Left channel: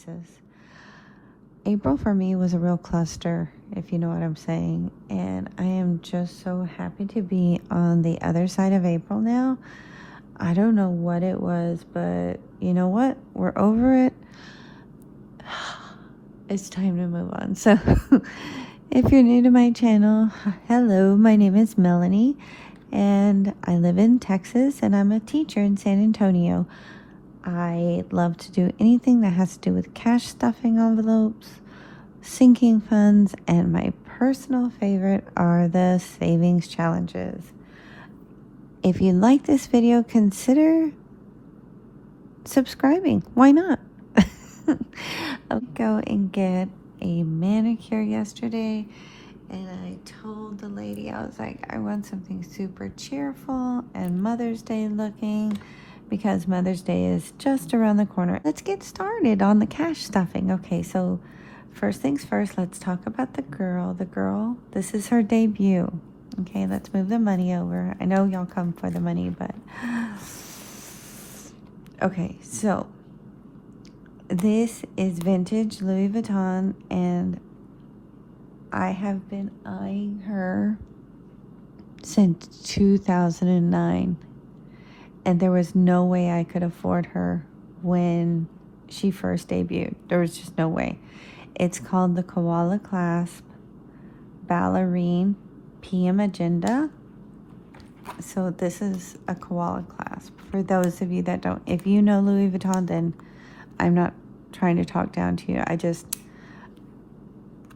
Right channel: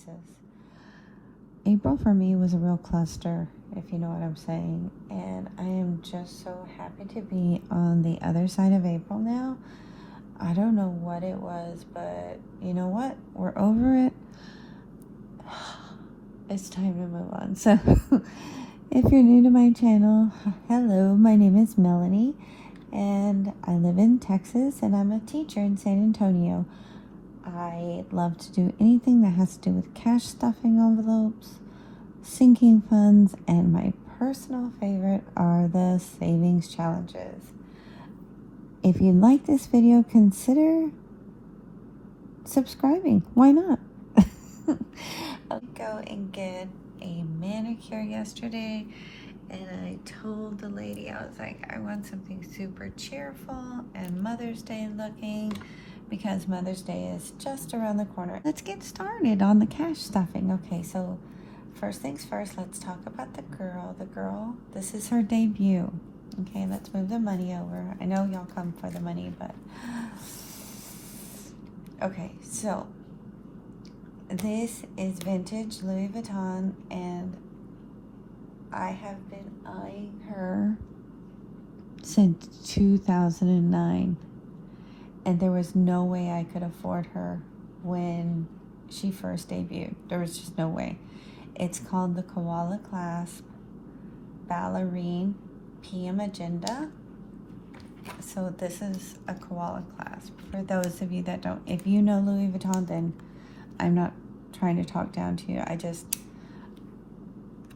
places. April for me was a real cluster, if you know what I'm saying, and I am just so happy to be on the other side of April now. I don't know what it was, but you know what? We're over it. It's time to move on. So if you're new to my channel, hello, my name is Melanie, and I live in Texas, and I'm a teacher in San Antonio. I love to do anything that has to do with cash stuffing envelopes, sinking funds, and my personal favorite are the savings challenges. If you like this video, consider subscribing. Why not? I'll go and get a manicure yesterday, and I told the lady, I was like, I want something super cheerful and Mother's Day looking, because Mother's Day is just around the corner. Let's get started on the cash stuffing. Okay, so first things first, let's talk about the girl. The girl, this is her debut. Okay, let's move the money over. I know y'all come for the money, but... Okay, so this is vintage Louis Vuitton, and I have been eyeing her since 2009. And there was no way I could afford her when she first debuted. There was just no way. It's called the Koala Clasp Ballerine PM Agenda. So this is a koala clasp. For those of you that don't, if you know Louis Vuitton, then I'm not trying to talk down to you.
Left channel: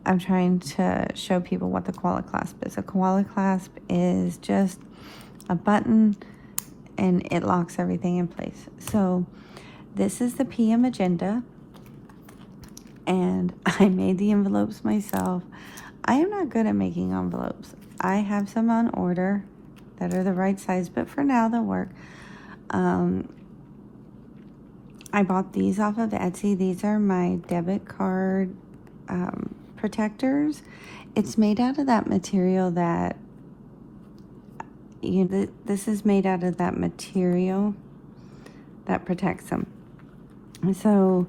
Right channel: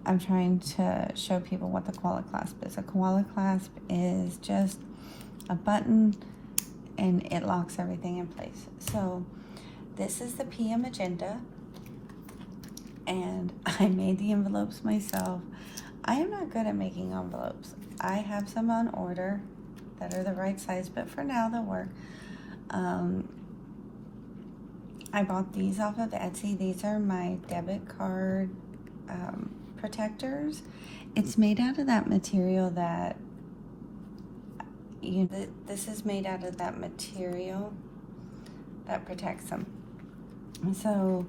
I'm trying to show people what the koala clasp is. A koala clasp is just a button, and it locks everything in place. So this is the PM Agenda, and I made the envelopes myself. I am not good at making envelopes. I have some on order that are the right size, but for now they'll work. I bought these off of Etsy. These are my debit card protectors. It's made out of that material that this is made out of that material that protects them. So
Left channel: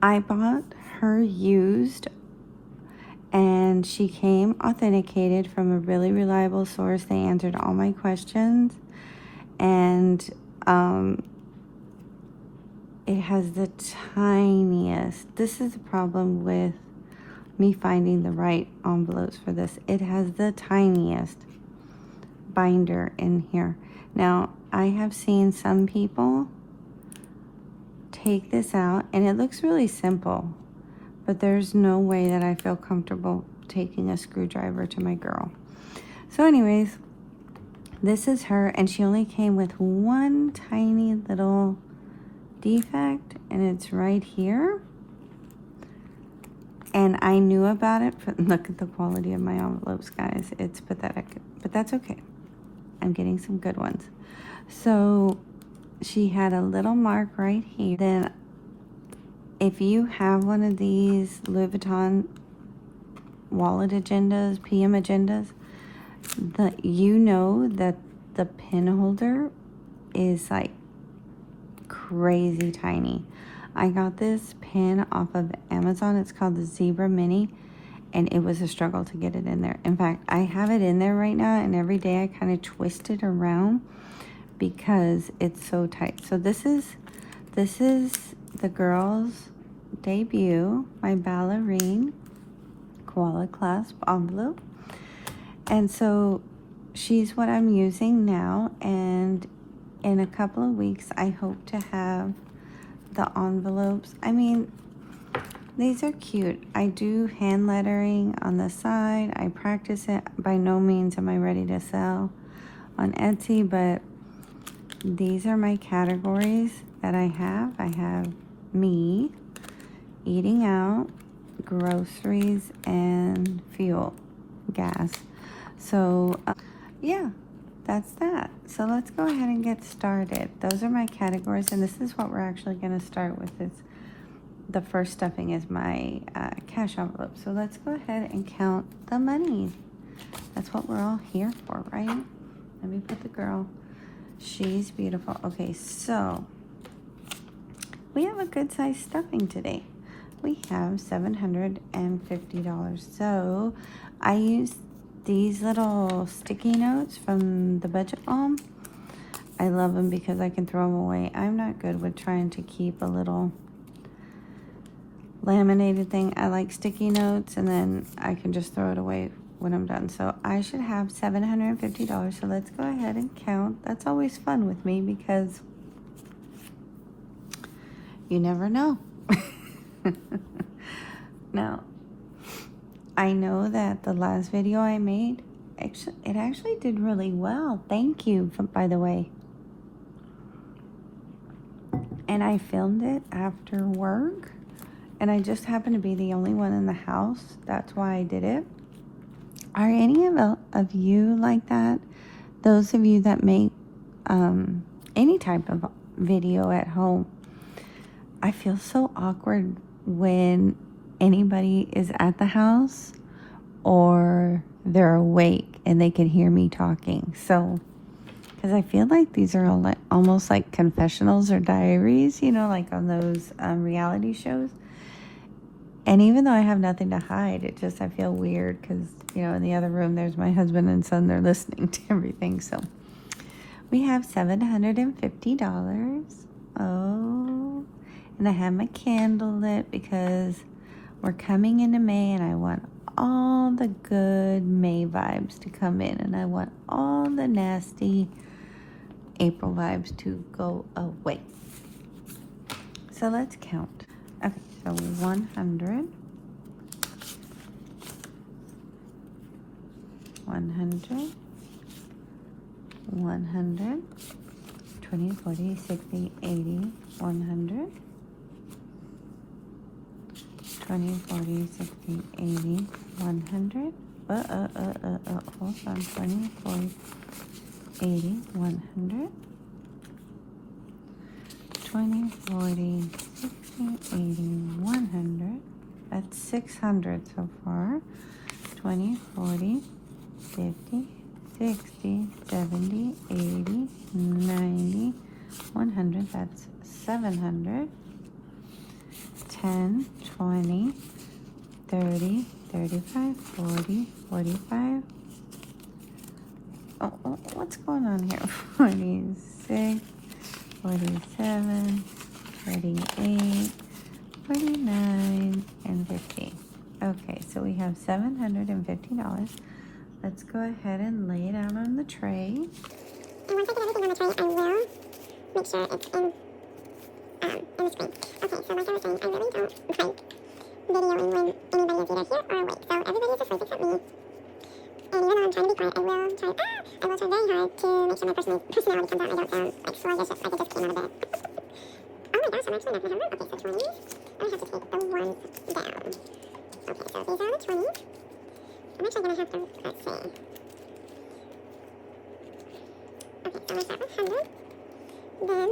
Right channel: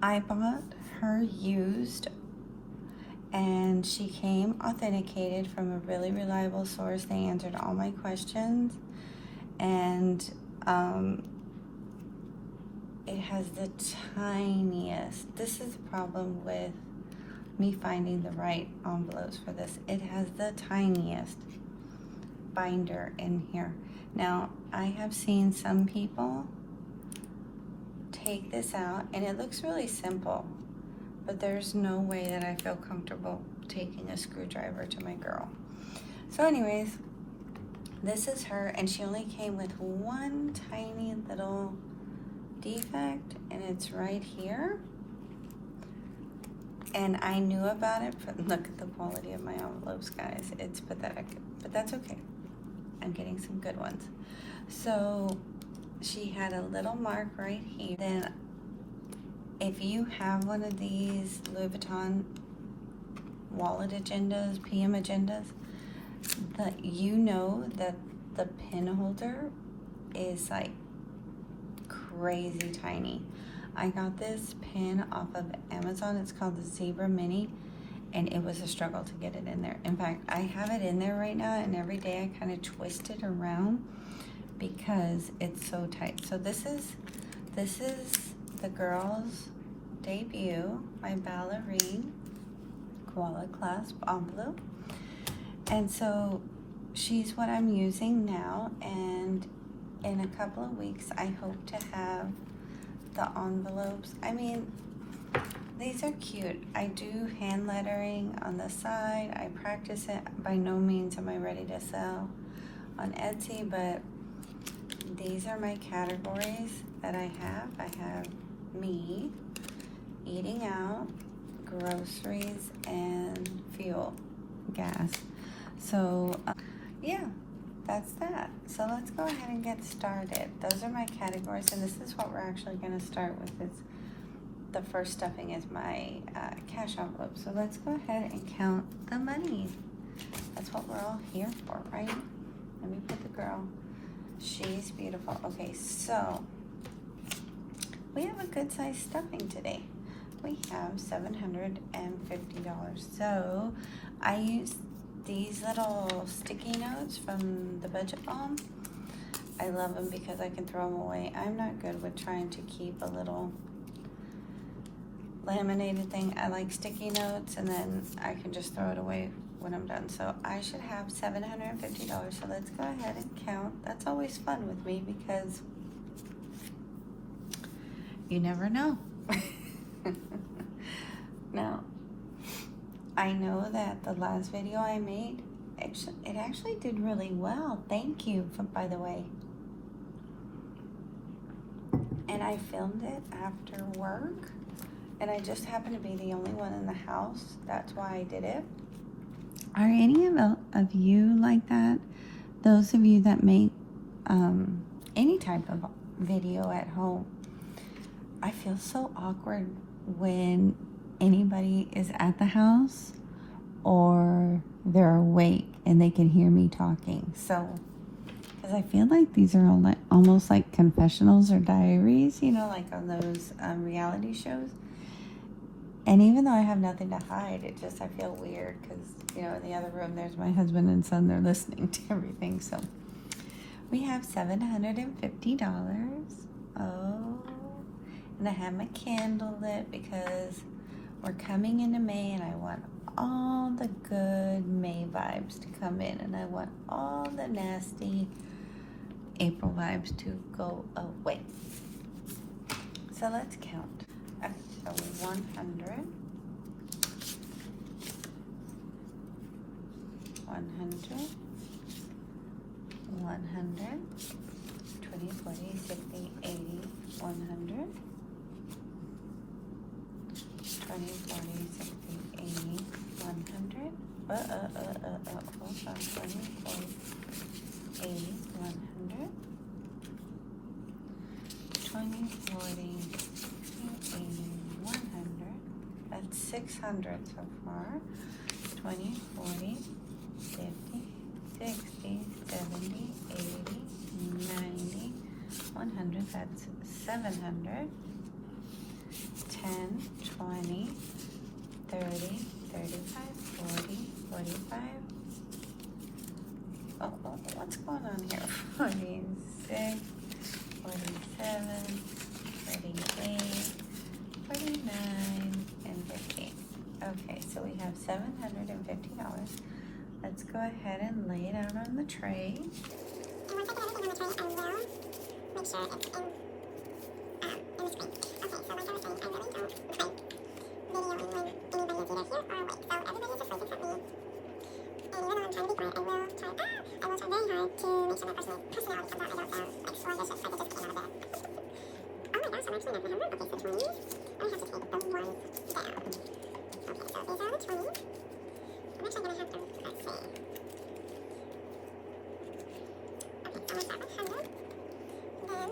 I bought her used, and she came authenticated from a really reliable source. They answered all my questions, and it has the tiniest, this is the problem with me finding the right envelopes for this. It has the tiniest binder in here. Now, I have seen some people take this out, and it looks really simple, but there's no way that I feel comfortable taking a screwdriver to my girl. So anyways, this is her, and she only came with one tiny little defect, and it's right here. And I knew about it, but look at the quality of my envelopes, guys. It's pathetic, but that's okay. I'm getting some good ones. So she had a little mark right here. Then if you have one of these Louis Vuitton wallet agendas, PM agendas, you know that the pin holder is like crazy tiny. I got this pin off of Amazon. It's called the Zebra Mini, and it was a struggle to get it in there. In fact, I have it in there right now, and every day I kind of twist it around because it's so tight. So this is the girl's debut, my ballerine koala clasp envelope. And so she's what I'm using now, and in a couple of weeks I hope to have the envelopes. I mean, these are cute. I do hand lettering on the side. I practice it. By no means am I ready to sell on Etsy, but these are my categories that I have. I have me, eating out, groceries, and fuel, gas. So yeah, that's that. So let's go ahead and get started. Those are my categories, and this is what we're actually going to start with. Is the first stuffing is my cash envelope. So let's go ahead and count the money. That's what we're all here for, right? Let me put the girl. She's beautiful. Okay, so we have a good size stuffing today. we have $750. So I use these little sticky notes from the Budget Balm. I love them because I can throw them away. I'm not good with trying to keep a little laminated thing. I like sticky notes, and then I can just throw it away when I'm done. So I should have $750. So let's go ahead and count. That's always fun with me because you never know. Now, I know that the last video I made, it actually did really well. Thank you, by the way. And I filmed it after work, and I just happened to be the only one in the house. That's why I did it. Are any of you like that? Those of you that make any type of video at home, I feel so awkward when anybody is at the house or they're awake and they can hear me talking. So, because I feel like these are almost like confessionals or diaries, you know, like on those reality shows. And even though I have nothing to hide, I feel weird because, you know, in the other room, there's my husband and son. They're listening to everything. So we have $750. Oh, and I have my candle lit because we're coming into May and I want all the good May vibes to come in. And I want all the nasty April vibes to go away. So let's count. Okay, so 100, 100, 20, 40, 60, 80, 100, 20, 40, 60, 80, 100, hold on, 20, 40, 80, 100, 20, 40, 60, 80, 100, that's 600 so far, 20, 40, 50, 60, 70, 80, 90, 100, that's 700, 10, 20, 30, 35, 40, 45. Oh, what's going on here? 46, 47, 48, 49, and 50. Okay, so we have $750. Let's go ahead and lay it out on the tray. And once I put everything on the tray, I will make sure it's in the screen. Okay, so like I was saying, I really don't like videoing when anybody is either here or awake. So everybody's asleep except me. And even though I'm trying to be quiet, I will try very hard to make sure my personality comes out. I don't sound like sluggish, like I just came out of bed. Oh my gosh, I'm actually not going to remember. Okay, so 20. I have to take the ones down. Okay, so these are the 20. I'm actually going to have to, let's see. Okay, so we start with 100. Then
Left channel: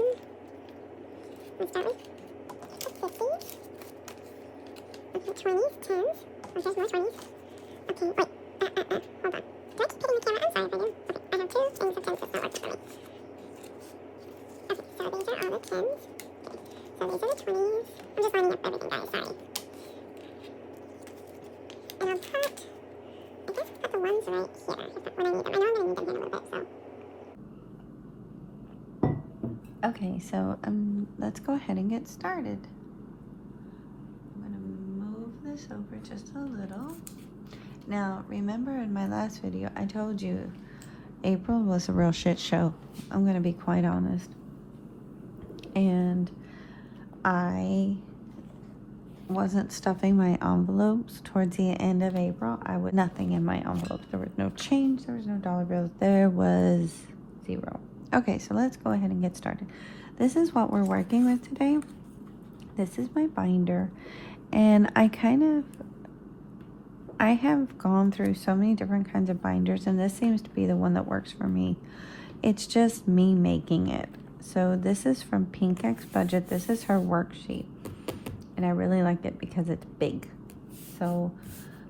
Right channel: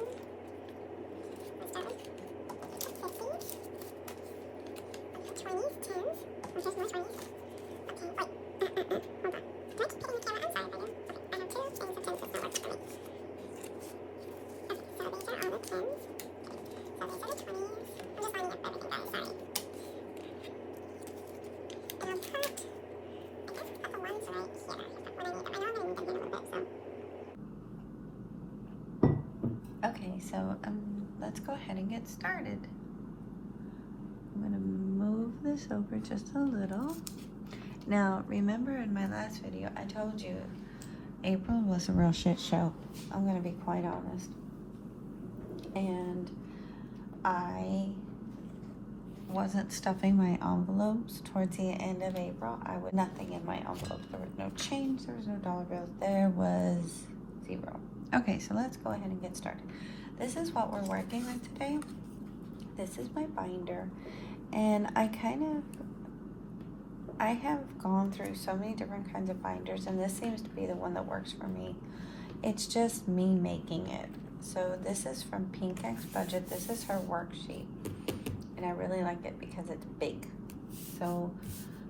we start with 50. We have 20s, 10s. Oh, there's more 20s. Okay, wait. Hold on. Do I keep hitting the camera? I'm sorry if I do. Okay, I have 2 things of 10s, so it's not working for me. Okay, so these are all the 10s. So these are the 20s. I'm just lining up everything, guys. Sorry. And I'll put, I guess I'll put the ones right here. Is that what I need? I know I'm going to need them here in a little bit, so. Okay, so let's go ahead and get started. I'm going to move this over just a little. Now, remember in my last video, I told you April was a real shit show. I'm going to be quite honest. And I wasn't stuffing my envelopes towards the end of April. I would nothing in my envelopes. There was no change. There was no dollar bills. There was 0. Okay, so let's go ahead and get started. This is what we're working with today. This is my binder. And I have gone through so many different kinds of binders, and this seems to be the one that works for me. It's just me making it. So this is from Pink X Budget. This is her worksheet, and I really like it because it's big. So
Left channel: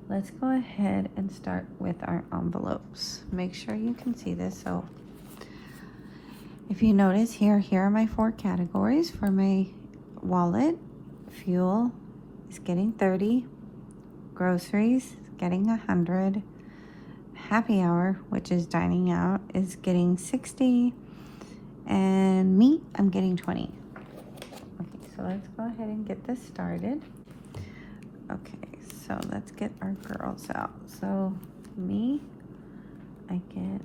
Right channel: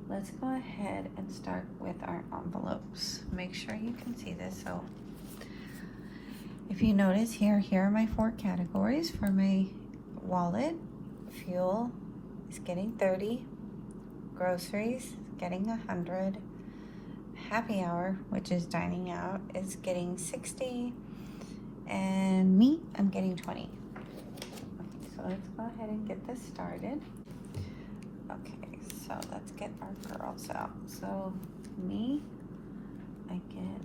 let's go ahead and start with our envelopes. Make sure you can see this. So if you notice here are my 4 categories for my wallet: fuel, is getting 30. Groceries, getting 100. Happy hour, which is dining out, is getting 60. And meat, I'm getting 20. Okay, so let's go ahead and get this started. Okay, so let's get our girls out. So me, I get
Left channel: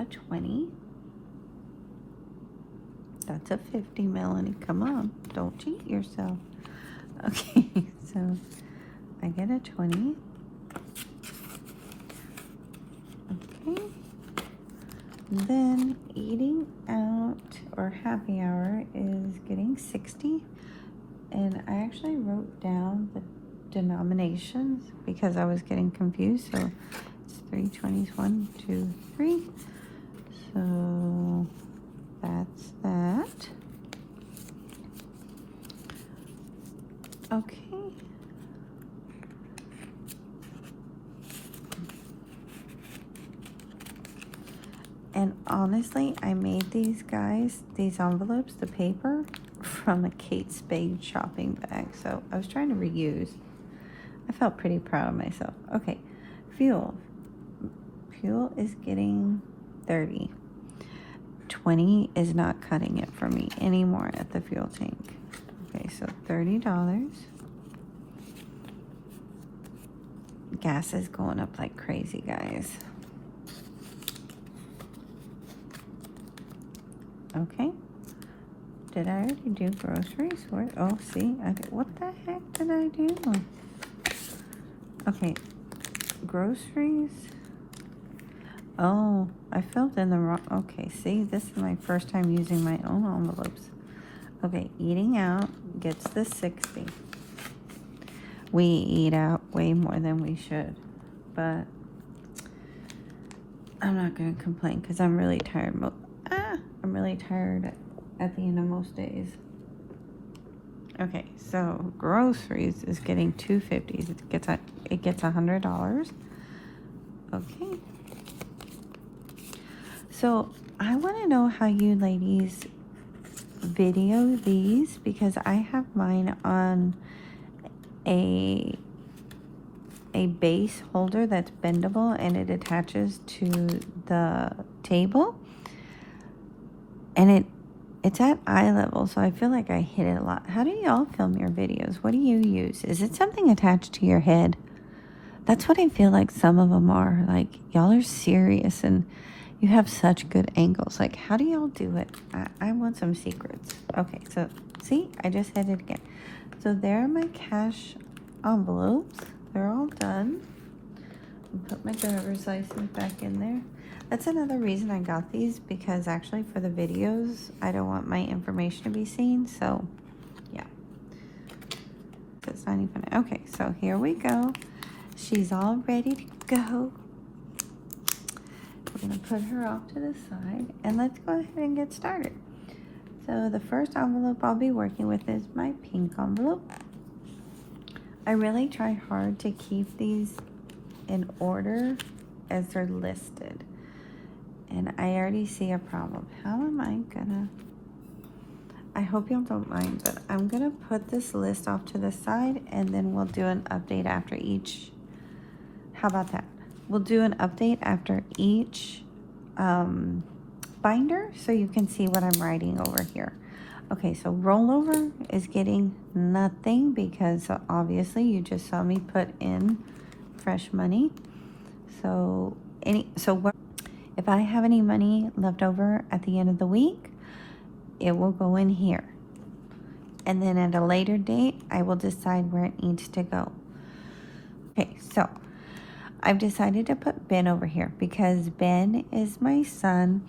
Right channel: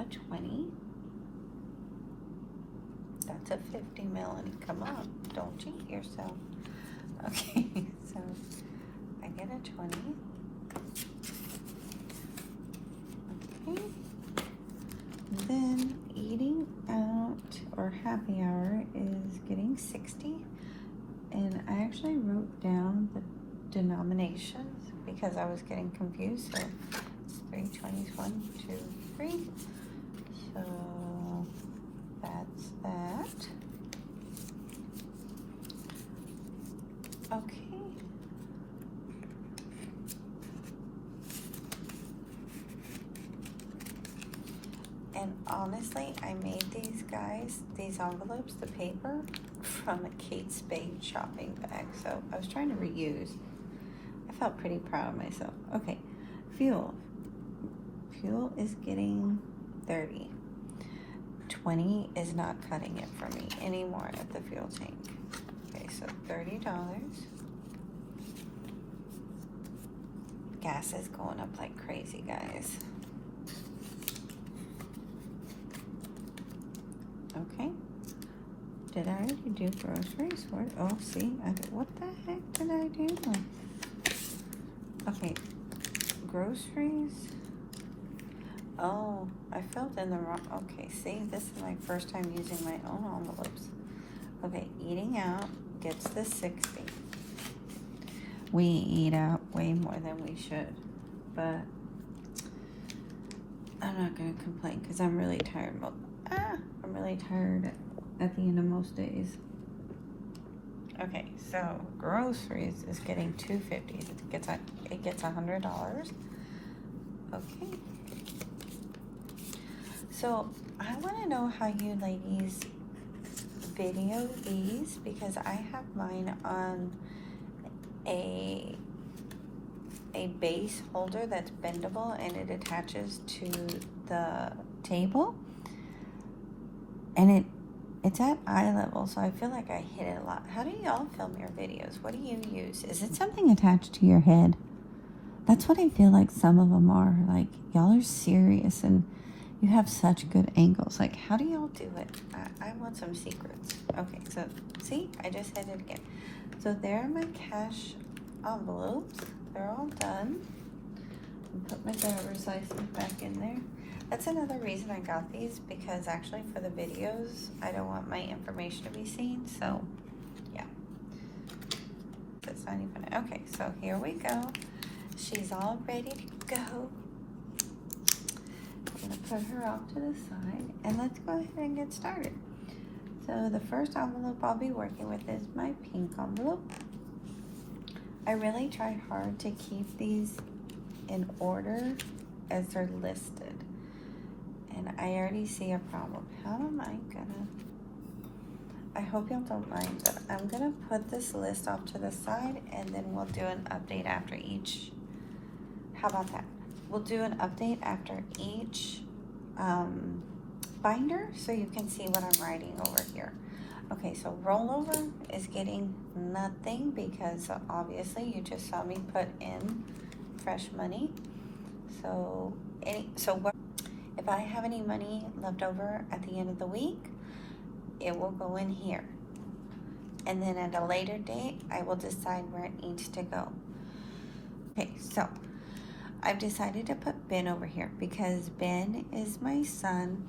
a 20. That's a 50, Melanie. Come on, don't cheat yourself. Okay, so I get a 20. Okay. Then eating out or happy hour is getting 60. And I actually wrote down the denominations because I was getting confused. So it's 3 20s, 1, 2, 3. So that's that. Okay. And honestly, I made these guys, these envelopes, the paper, from a Kate Spade shopping bag. So I was trying to reuse. I felt pretty proud of myself. Okay, fuel. Fuel is getting 30. 20 is not cutting it for me anymore at the fuel tank. Okay, so $30. Gas is going up like crazy, guys. Okay. Did I already do groceries? Oh, see, what the heck did I do? Okay, groceries. Oh, I filled in the wrong. Okay, see, this is my first time using my own envelopes. Okay, eating out gets the 60. We eat out way more than we should, but I'm not gonna complain because I'm really tired. I'm really tired at the end of most days. Okay, so groceries is getting $2.50. It gets $100. Okay. So I want to know how you ladies video these because I have mine on a base holder that's bendable and it attaches to the table, and it's at eye level, so I feel like I hit it a lot. How do y'all film your videos? What do you use? Is it something attached to your head? That's what I feel like some of them are. Like, y'all are serious and you have such good angles. Like, how do y'all do it? I want some secrets. Okay, so see, I just hit it again. So there are my cash envelopes. They're all done. I'll put my driver's license back in there. That's another reason I got these, because actually for the videos, I don't want my information to be seen. So, yeah. That's not even, okay, so here we go. She's all ready to go. We're gonna put her off to the side and let's go ahead and get started. So the first envelope I'll be working with is my pink envelope. I really try hard to keep these in order as they're listed. And I already see a problem. How am I gonna, I hope y'all don't mind, but I'm gonna put this list off to the side and then we'll do an update after each. How about that? We'll do an update after each binder so you can see what I'm writing over here. Okay, so rollover is getting nothing because obviously you just saw me put in fresh money. So if I have any money left over at the end of the week, it will go in here. And then at a later date, I will decide where it needs to go. Okay, so I've decided to put Ben over here because Ben is my son.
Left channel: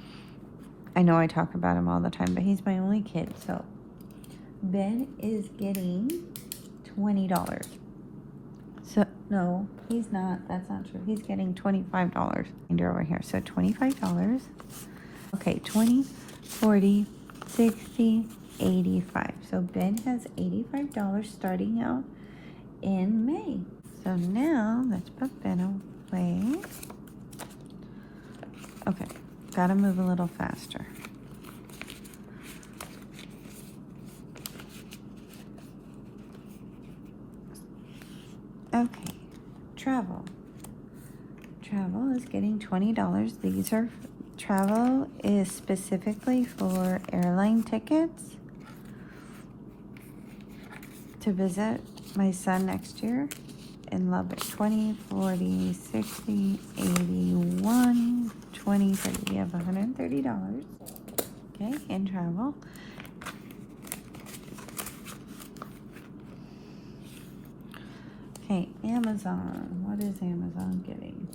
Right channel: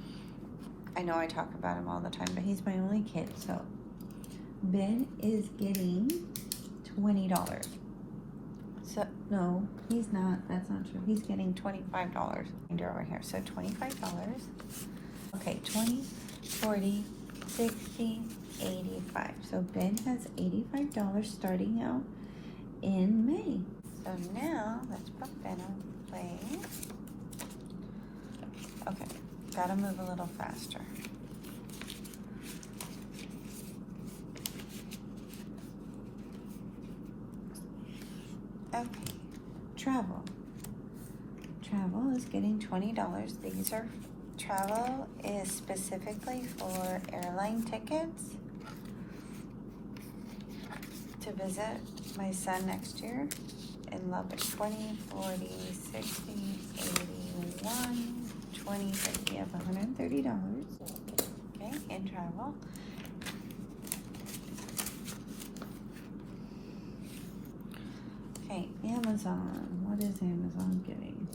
I know I talk about him all the time, but he's my only kid. So Ben is getting $20. So no, he's not. That's not true. He's getting $25 over here. So $25. Okay, 20, 40, 60, 85. So Ben has $85 starting out in May. So now let's put Ben away. Okay, gotta move a little faster. travel. Travel is getting $20. These are travel is specifically for airline tickets to visit my son next year in Lubbock. 20, 40, 60, 81, 20, 30. We have $130. Okay, in travel. Okay, Amazon. What is Amazon getting?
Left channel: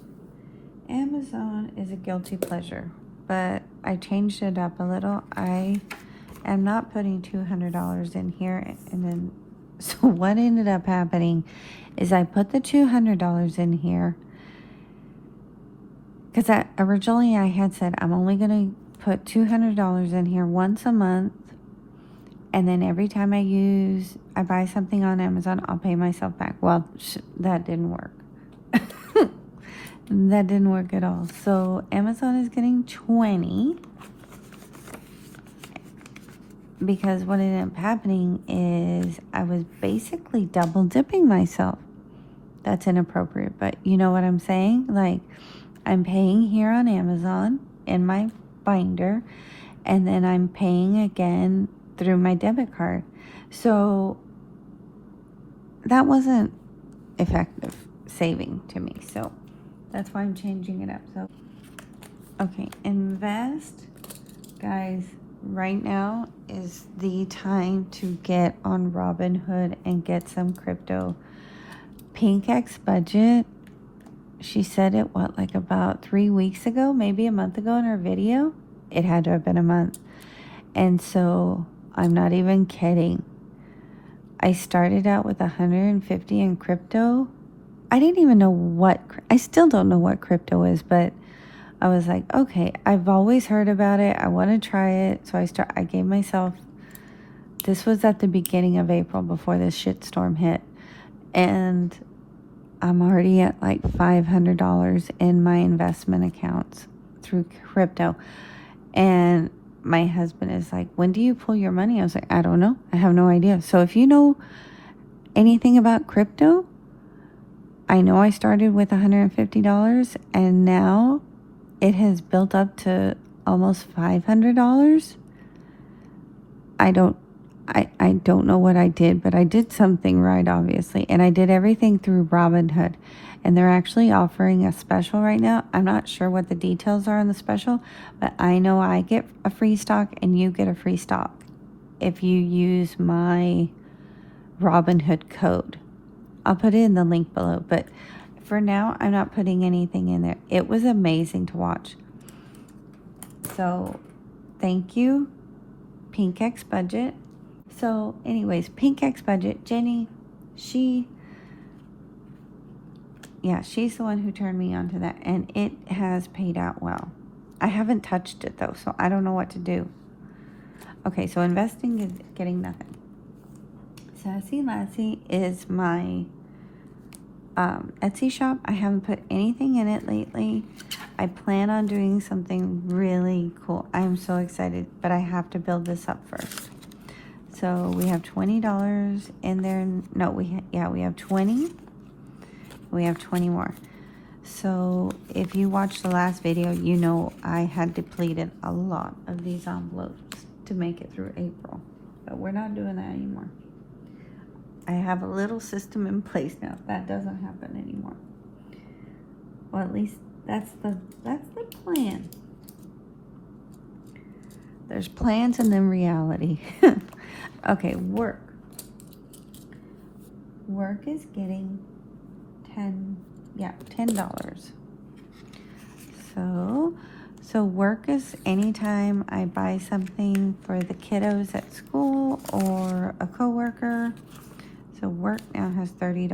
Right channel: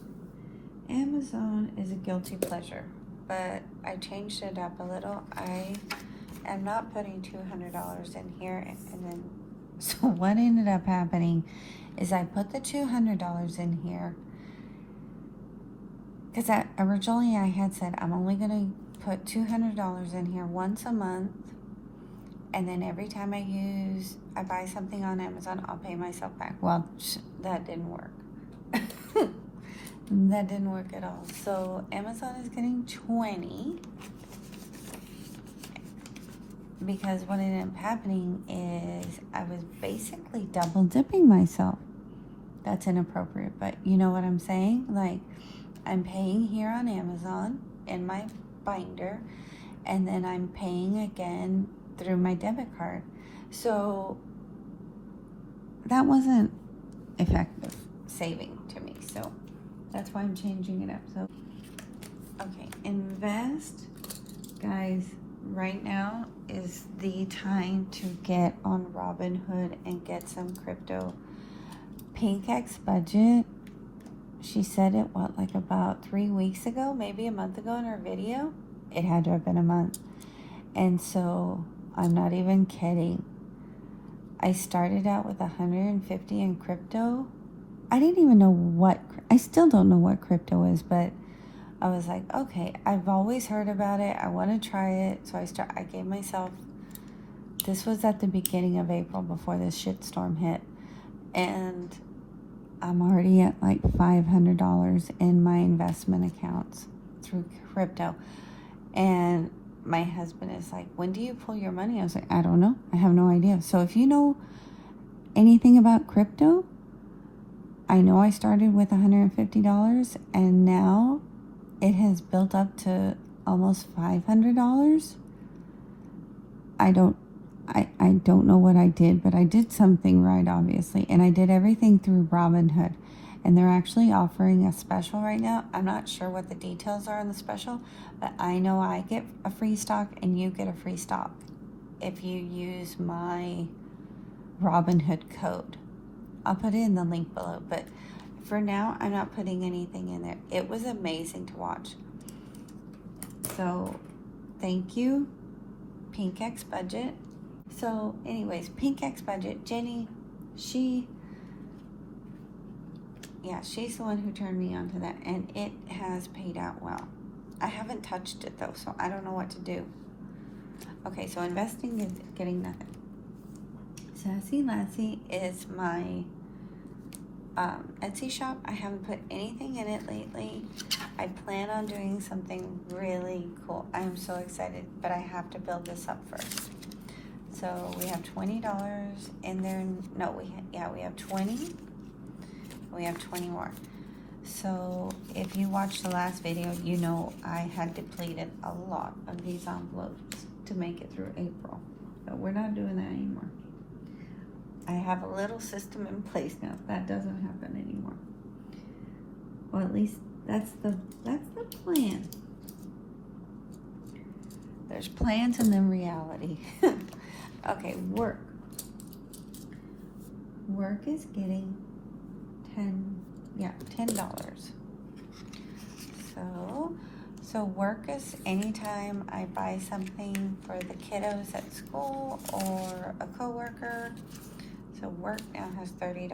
Amazon is a guilty pleasure, but I changed it up a little. I am not putting $200 in here, and then so what ended up happening is I put the $200 in here because originally I had said I'm only going to put $200 in here once a month, and then every time I buy something on Amazon, I'll pay myself back. Well, that didn't work. That didn't work at all. So Amazon is getting 20 because what ended up happening is I was basically double dipping myself. That's inappropriate, but you know what I'm saying? Like, I'm paying here on Amazon in my binder, and then I'm paying again through my debit card. So that wasn't effective saving to me. So that's why I'm changing it up. So, okay, invest. Guys, right now is the time to get on Robinhood and get some crypto. Pink X Budget, she said it, what, like about 3 weeks ago, maybe a month ago in her video? It had to have been a month. And so, I'm not even kidding. I started out with 150 in crypto. I didn't even know I still don't know what crypto is, but I was like, okay, I've always heard about it. I want to try it. So I gave myself, this was at the beginning of April before this shitstorm hit. And I'm already at like $500 in my investment accounts through crypto. And my husband is like, when do you pull your money? I was like, I don't know. I have no idea. So if you know anything about crypto, I know I started with $150 and now it has built up to almost $500. I don't know what I did, but I did something right, obviously. And I did everything through RobinHood. And they're actually offering a special right now. I'm not sure what the details are on the special, but I know I get a free stock and you get a free stock if you use my RobinHood code. I'll put it in the link below, but for now, I'm not putting anything in there. It was amazing to watch. So, thank you, Pink X Budget. So, anyways, Pink X Budget, Jenny, she's the one who turned me on to that, and it has paid out well. I haven't touched it, though, so I don't know what to do. Okay, so investing is getting nothing. Sassy Lassie is my Etsy shop. I haven't put anything in it lately. I plan on doing something really cool. I'm so excited, but I have to build this up first. So we have $20 in there. No, we have 20. We have 20 more. So if you watched the last video, you know I had depleted a lot of these envelopes to make it through April, but we're not doing that anymore. I have a little system in place now. That doesn't happen anymore. Well, at least that's the plan. There's plans and then reality. Okay, work. Work is getting $10. So work is anytime I buy something for the kiddos at school or a coworker. So work now has $30.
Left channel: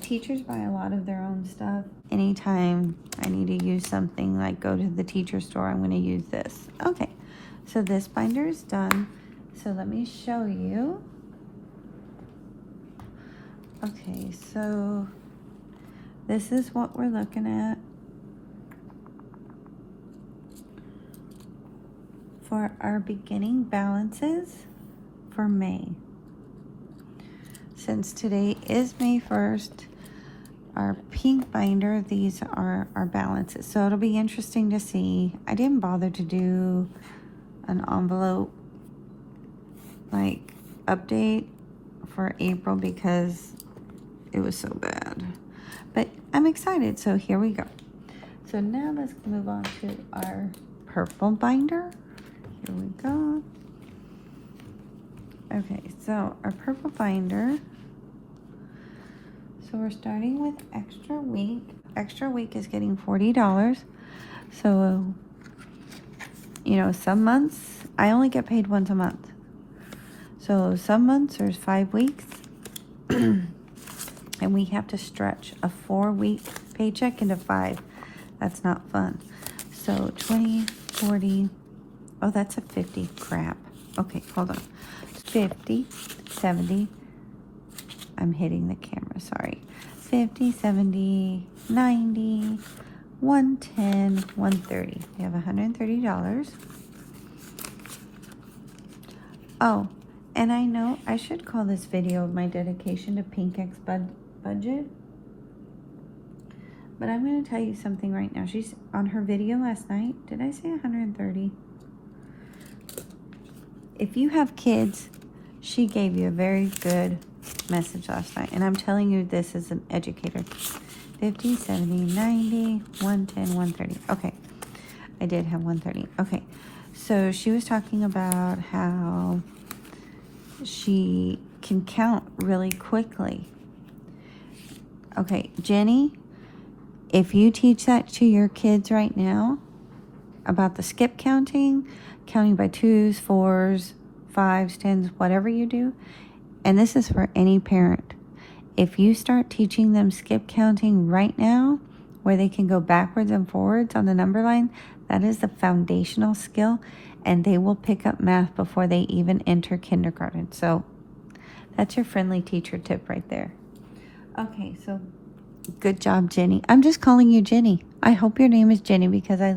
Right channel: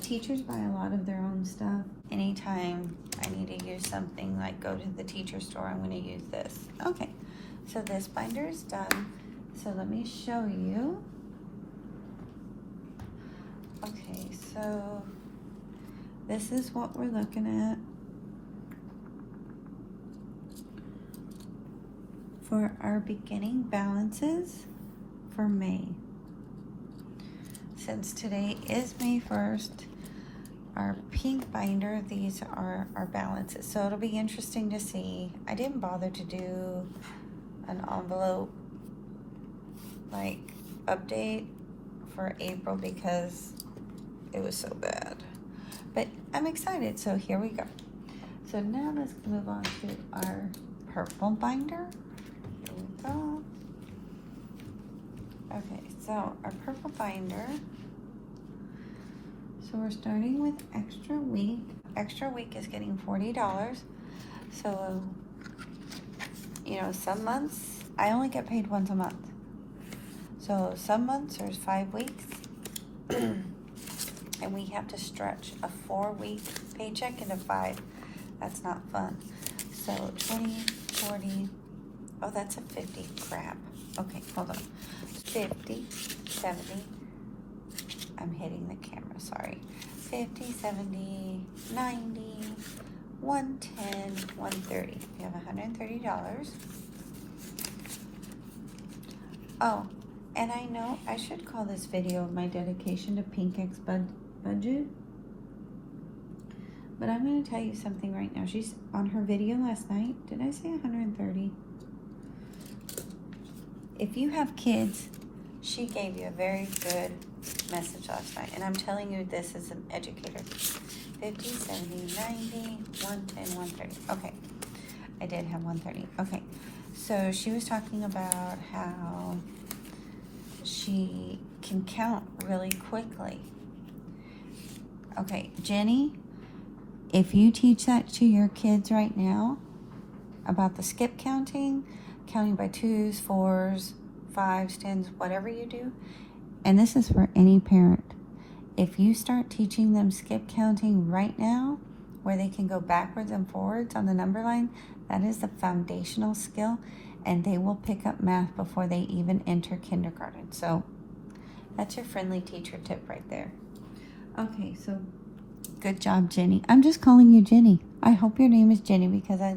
Teachers buy a lot of their own stuff. Anytime I need to use something, like go to the teacher store, I'm going to use this. Okay, so this binder is done. So let me show you. Okay, so this is what we're looking at for our beginning balances for May. Since today is May 1st, our pink binder, these are our balances. So it'll be interesting to see. I didn't bother to do an envelope like update for April because it was so bad. But I'm excited, so here we go. So now let's move on to our purple binder. Here we go. Okay, so our purple binder. So we're starting with extra week. Extra week is getting $40. So, you know, some months, I only get paid once a month. So some months there's 5 weeks. And we have to stretch a 4-week paycheck into 5. That's not fun. So 20, 40, oh, that's a 50, crap. Okay, hold on. 50, 70, I'm hitting the camera, sorry. 50, 70, 90, 110, 130. We have $130. Oh, and I know I should call this video my dedication to Pink X budget. But I'm going to tell you something right now. She's on her video last night. Did I say 130? If you have kids, she gave you a very good message last night. And I'm telling you this as an educator. 50, 70, 90, 110, 130. Okay. I did have 130. Okay. So she was talking about how she can count really quickly. Okay, Jenny, if you teach that to your kids right now about the skip counting, counting by 2s, 4s, 5s, 10s, whatever you do, and this is for any parent, if you start teaching them skip counting right now, where they can go backwards and forwards on the number line, that is the foundational skill, and they will pick up math before they even enter kindergarten. So that's your friendly teacher tip right there. Okay, so good job, Jenny. I'm just calling you Jenny. I hope your name is Jenny because I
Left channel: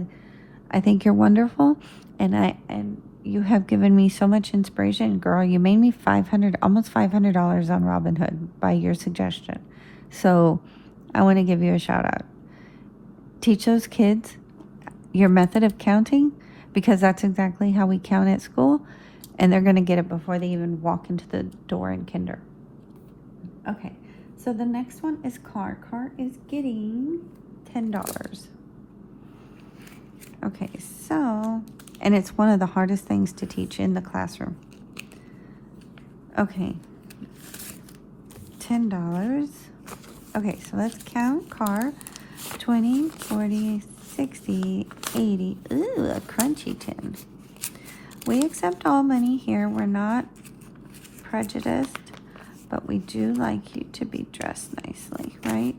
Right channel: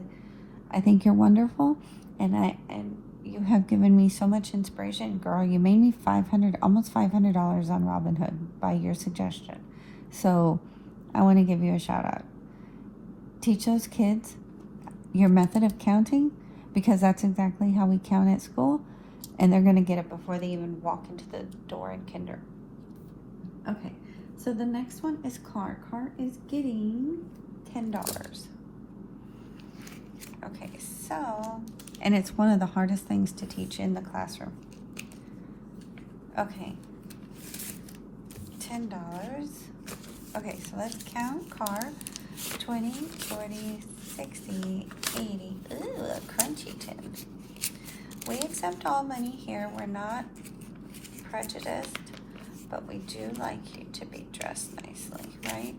think you're wonderful, and you have given me so much inspiration. Girl, you made me almost $500 on RobinHood by your suggestion. So I want to give you a shout out. Teach those kids your method of counting because that's exactly how we count at school, and they're going to get it before they even walk into the door in kinder. Okay. So the next one is car. Car is getting $10. Okay, so, and it's one of the hardest things to teach in the classroom. Okay, $10. Okay, so let's count car. 20, 40, 60, 80. Ooh, a crunchy 10. We accept all money here. We're not prejudiced. But we do like you to be dressed nicely, right?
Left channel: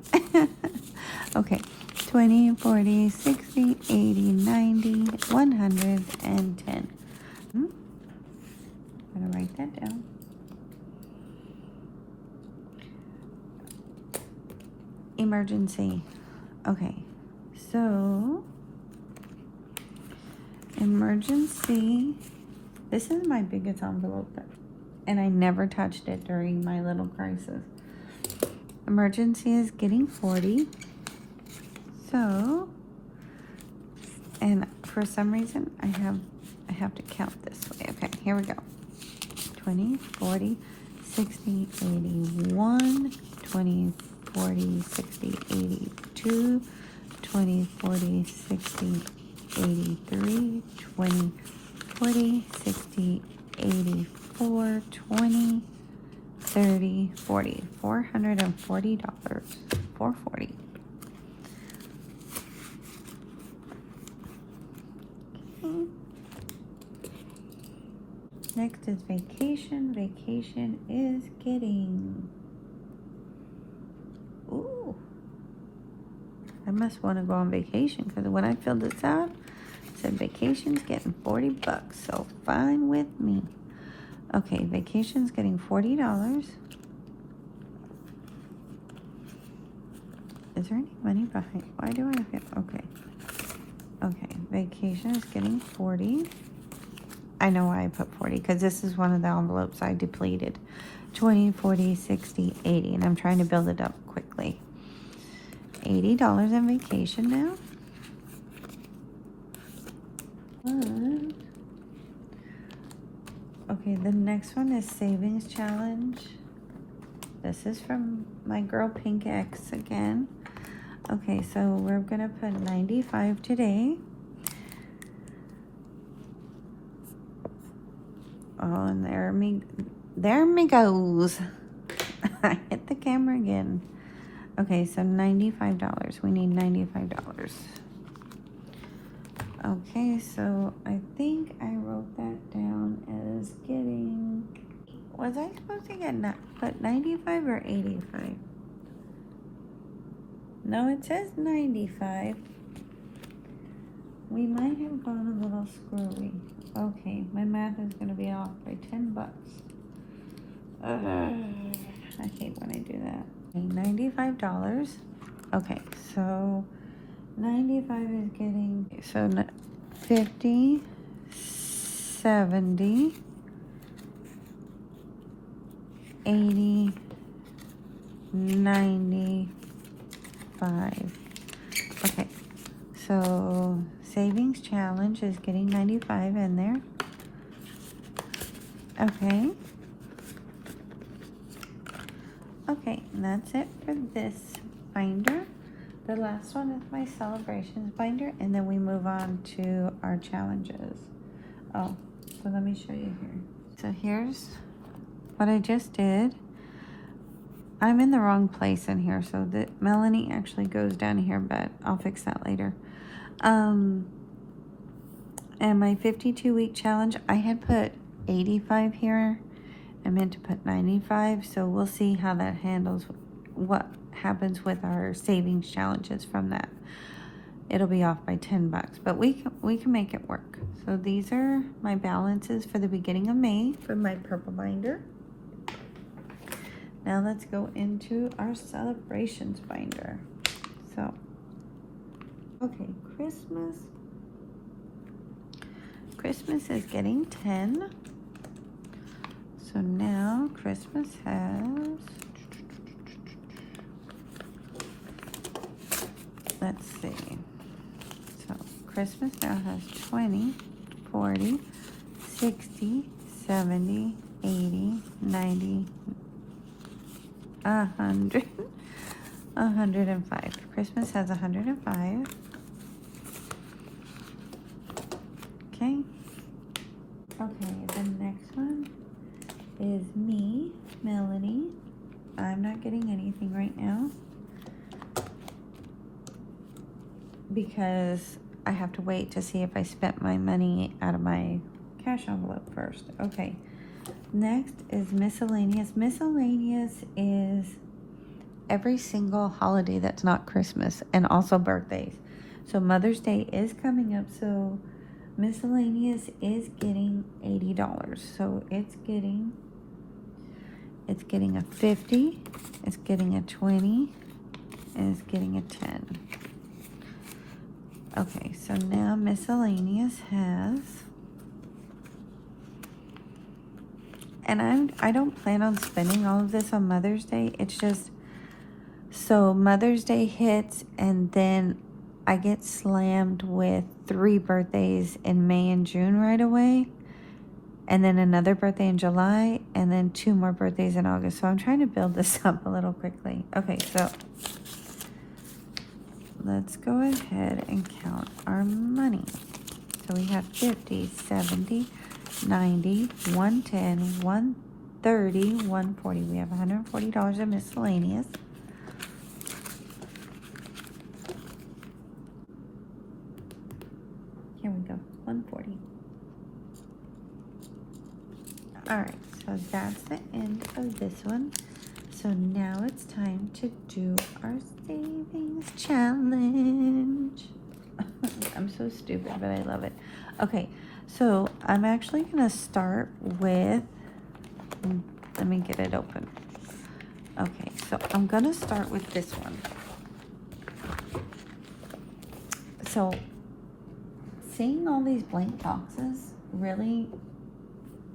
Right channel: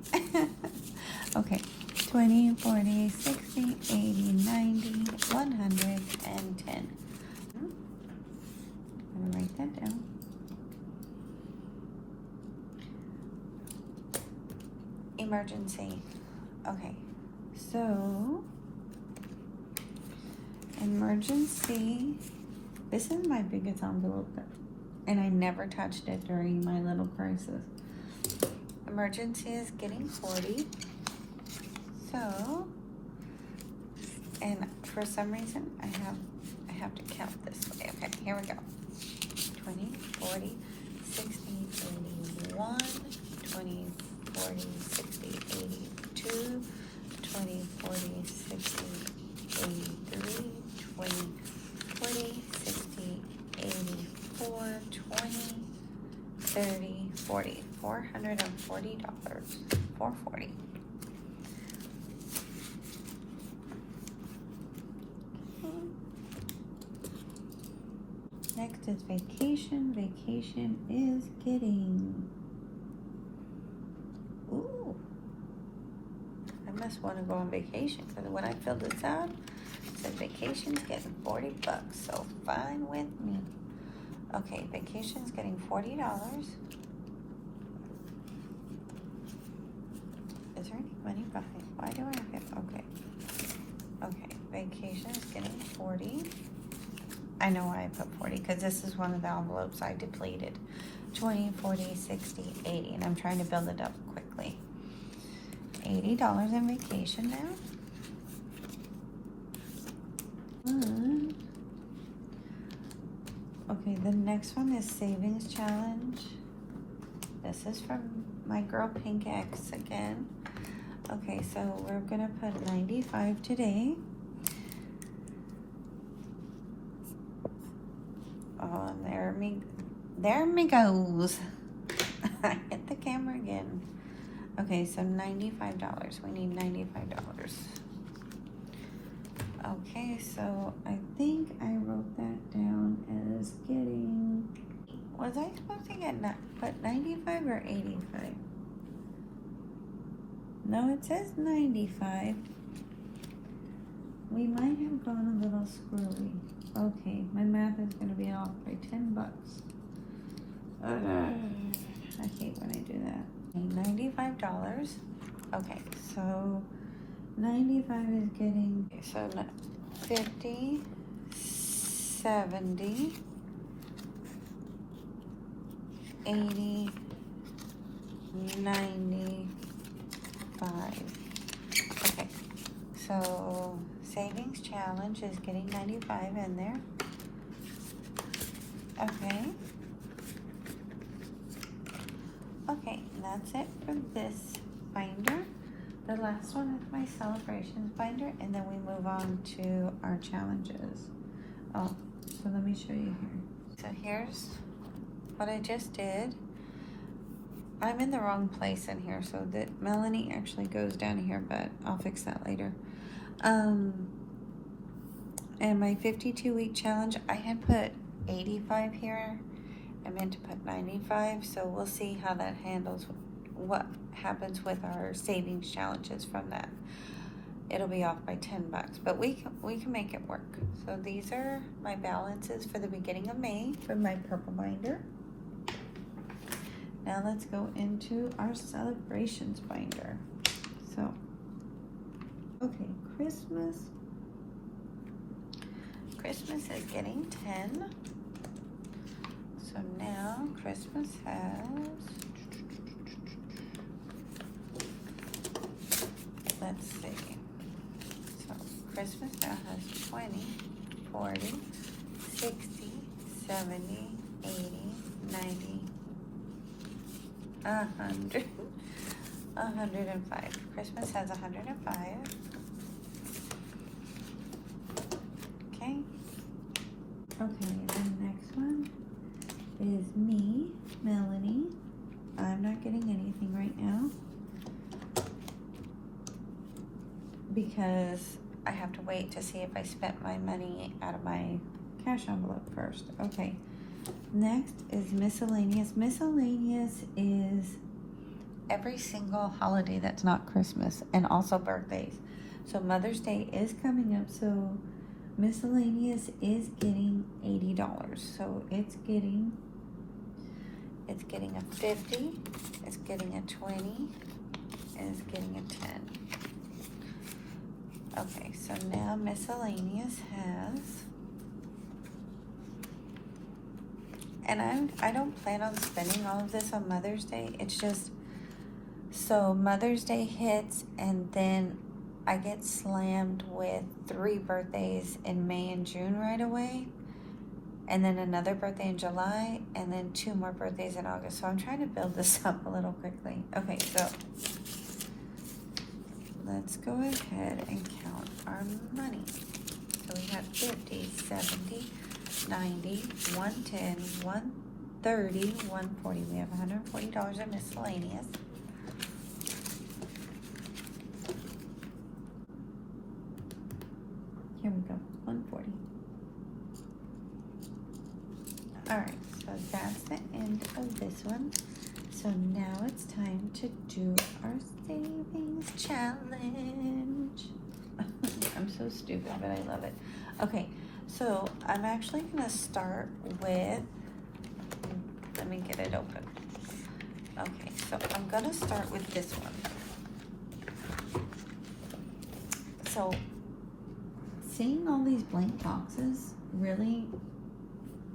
Okay, 20, 40, 60, 80, 90, 110. I'm going to write that down. Emergency. Okay, so emergency. This is my biggest envelope and I never touched it during my little crisis. Emergency is getting 40. So, and for some reason, I have to count this way. Okay, here we go. 20, 40, 60, 81, 20, 40, 60, 82, 20, 40, 60, 83, 20, 40, 60, 84, 20, 30, 40. $440. 440. Next is vacation. Vacation is getting... Ooh. I must want to go on vacation because when I filled this out, it said vacation's getting $40, so fine with me. Okay, vacation's getting $40. Is there any money behind? Why do I have it? Okay. Okay, vacation is getting 40. I know why I put 40, because this is one of the envelopes I depleted. 20, 40, 60, 80, and I'm trying to build it up quickly. $80 in vacation now. Okay, the next one is Savings Challenge. This is from my girl Pink X again. Okay, so we're gonna put 95 today. Oh, and there me goes. I hit the camera again. Okay, so $95. We need $95. Okay, so I think I wrote that down as getting, was I supposed to get put 95 or 85? No, it says 95. We might have gone a little screwy. Okay, my math is gonna be off by 10 bucks. I hate when I do that. $95. Okay, so 95 is getting, so 50, 70, 80, 95. Okay, so Savings Challenge is getting 95 in there. Okay. Okay, and that's it for this binder. The last one is my celebrations binder, and then we move on to our challenges. Oh, so let me show you here. So here's what I just did. I'm in the wrong place in here, so that Melanie actually goes down here, but I'll fix that later. And my 52-week challenge, I had put 85 here. I meant to put 95, so we'll see how that handles, what happens with our savings challenges from that. It'll be off by 10 bucks, but we can make it work. So these are my balances for the beginning of May for my purple binder. Now let's go into our celebrations binder. So, okay, Christmas is getting 10. So now Christmas has, let's see, so Christmas now has 20, 40, 60, 70, 80, 90, 100, 105. Christmas has 105. Okay. Okay, the next one is me, Melanie. I'm not getting anything right now because I have to wait to see if I spent my money out of my cash envelope first. Okay, next is miscellaneous. Miscellaneous is every single holiday that's not Christmas, and also birthdays. So Mother's Day is coming up, so miscellaneous is getting $80. So it's getting a 50, it's getting a 20, and it's getting a 10. Okay, so now miscellaneous has, and I don't plan on spending all of this on Mother's Day. It's just, so Mother's Day hits, and then I get slammed with 3 birthdays in May and June right away, and then another birthday in July, and then 2 more birthdays in August. So I'm trying to build this up a little quickly. Okay, so let's go ahead and count our money. So we have 50, 70, 90, 110, 130, 140. We have $140 in miscellaneous. Here we go, 140. All right, so that's the end of this one. So now it's time to do our savings challenge. I'm so stupid, but I love it. Okay, so I'm actually gonna start with, let me get it open. Okay, so I'm gonna start with this one. So seeing all these blank boxes really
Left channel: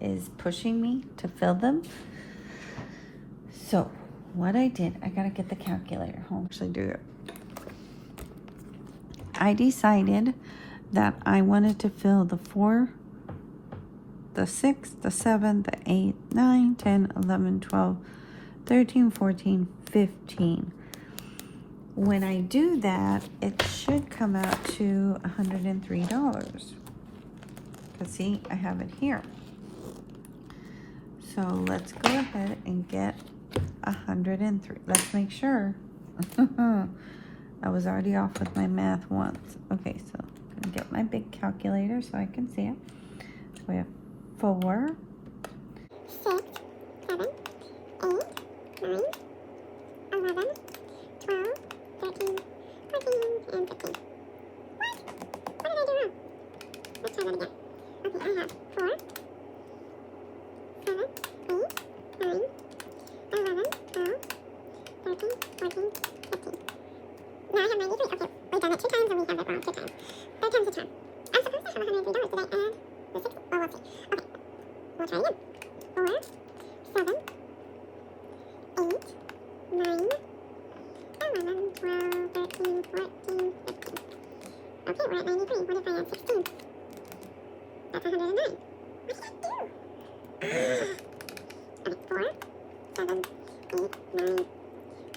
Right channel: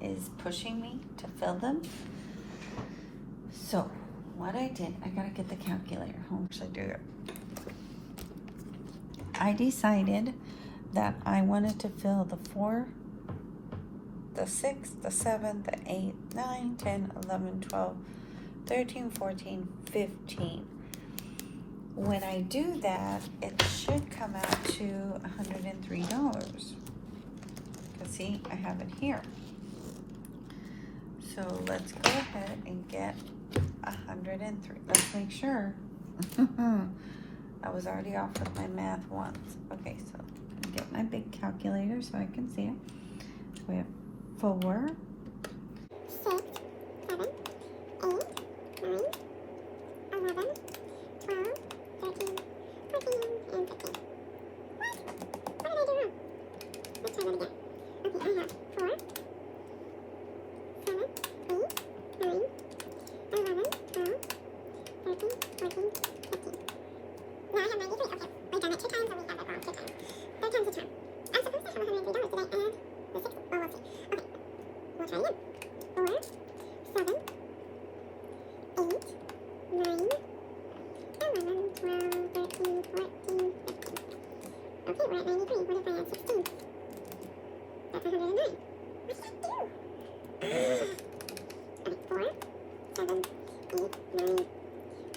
is pushing me to fill them. So what I did, I gotta get the calculator home. Actually do it. I decided that I wanted to fill the 4, the 6, the 7, the 8, 9, 10, 11, 12, 13, 14, 15. When I do that, it should come out to $103. Because see, I have it here. So let's go ahead and get 103. Let's make sure. I was already off with my math once. Okay, so I'm gonna get my big calculator so I can see it. We have 4, 6, 7, 8, 9, 11, 12, 13, 14, and 15. What? What did I do wrong? Let's try that again. Okay, I have 4, 7, 8, 9, 11, 12, 13, 14, 15. Now I have 93. Okay, we've done it 2 times and we have it wrong 2 times. 3 times the charm. I'm supposed to have $103. Did I add the 6? Well, we'll see. Okay, we'll try again. 4, 7, 8, 9, 11, 12, 13, 14, 15. Okay, we're at 93. What if I add 16? That's 109. What did I do? Okay, 4, 7, 8, 9,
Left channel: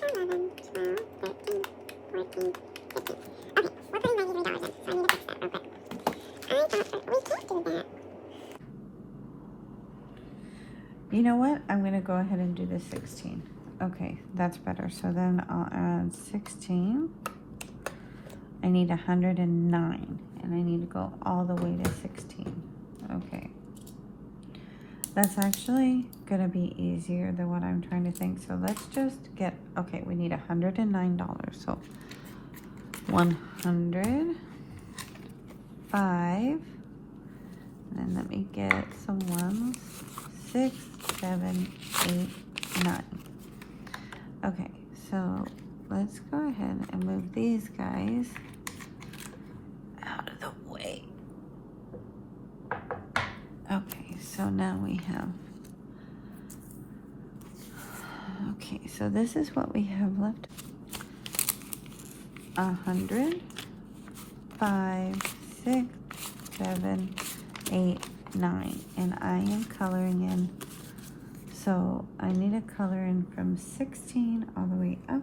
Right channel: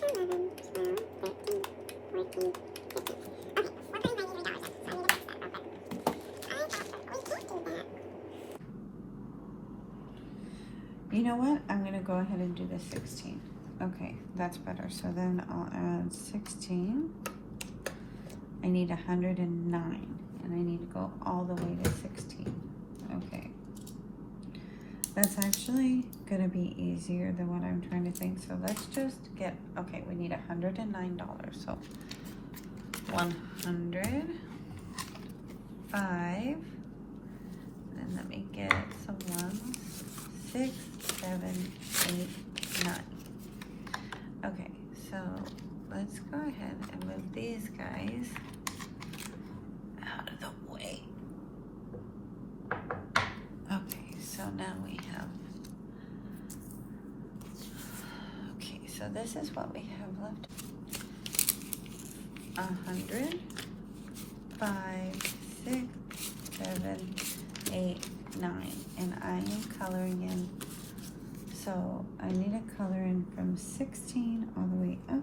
11, 12, 13, 14, 15. Okay, we're putting $93 in, so I need to fix that real quick. I thought we can't do that. You know what? I'm gonna go ahead and do the 16. Okay, that's better. So then I'll add 16. I need 109, and I need to go all the way to 16. Okay. That's actually gonna be easier than what I'm trying to think. So let's just get, okay, we need $109. So 100, 5, and then let me get some ones, 6, 7, 8, 9. Okay, so let's go ahead and move these guys out of the way. Okay, so now we have, okay, so this is what we have left. 100, 5, 6, 7, 8, 9, and I am coloring in. So I need to color in from 16 all the way up.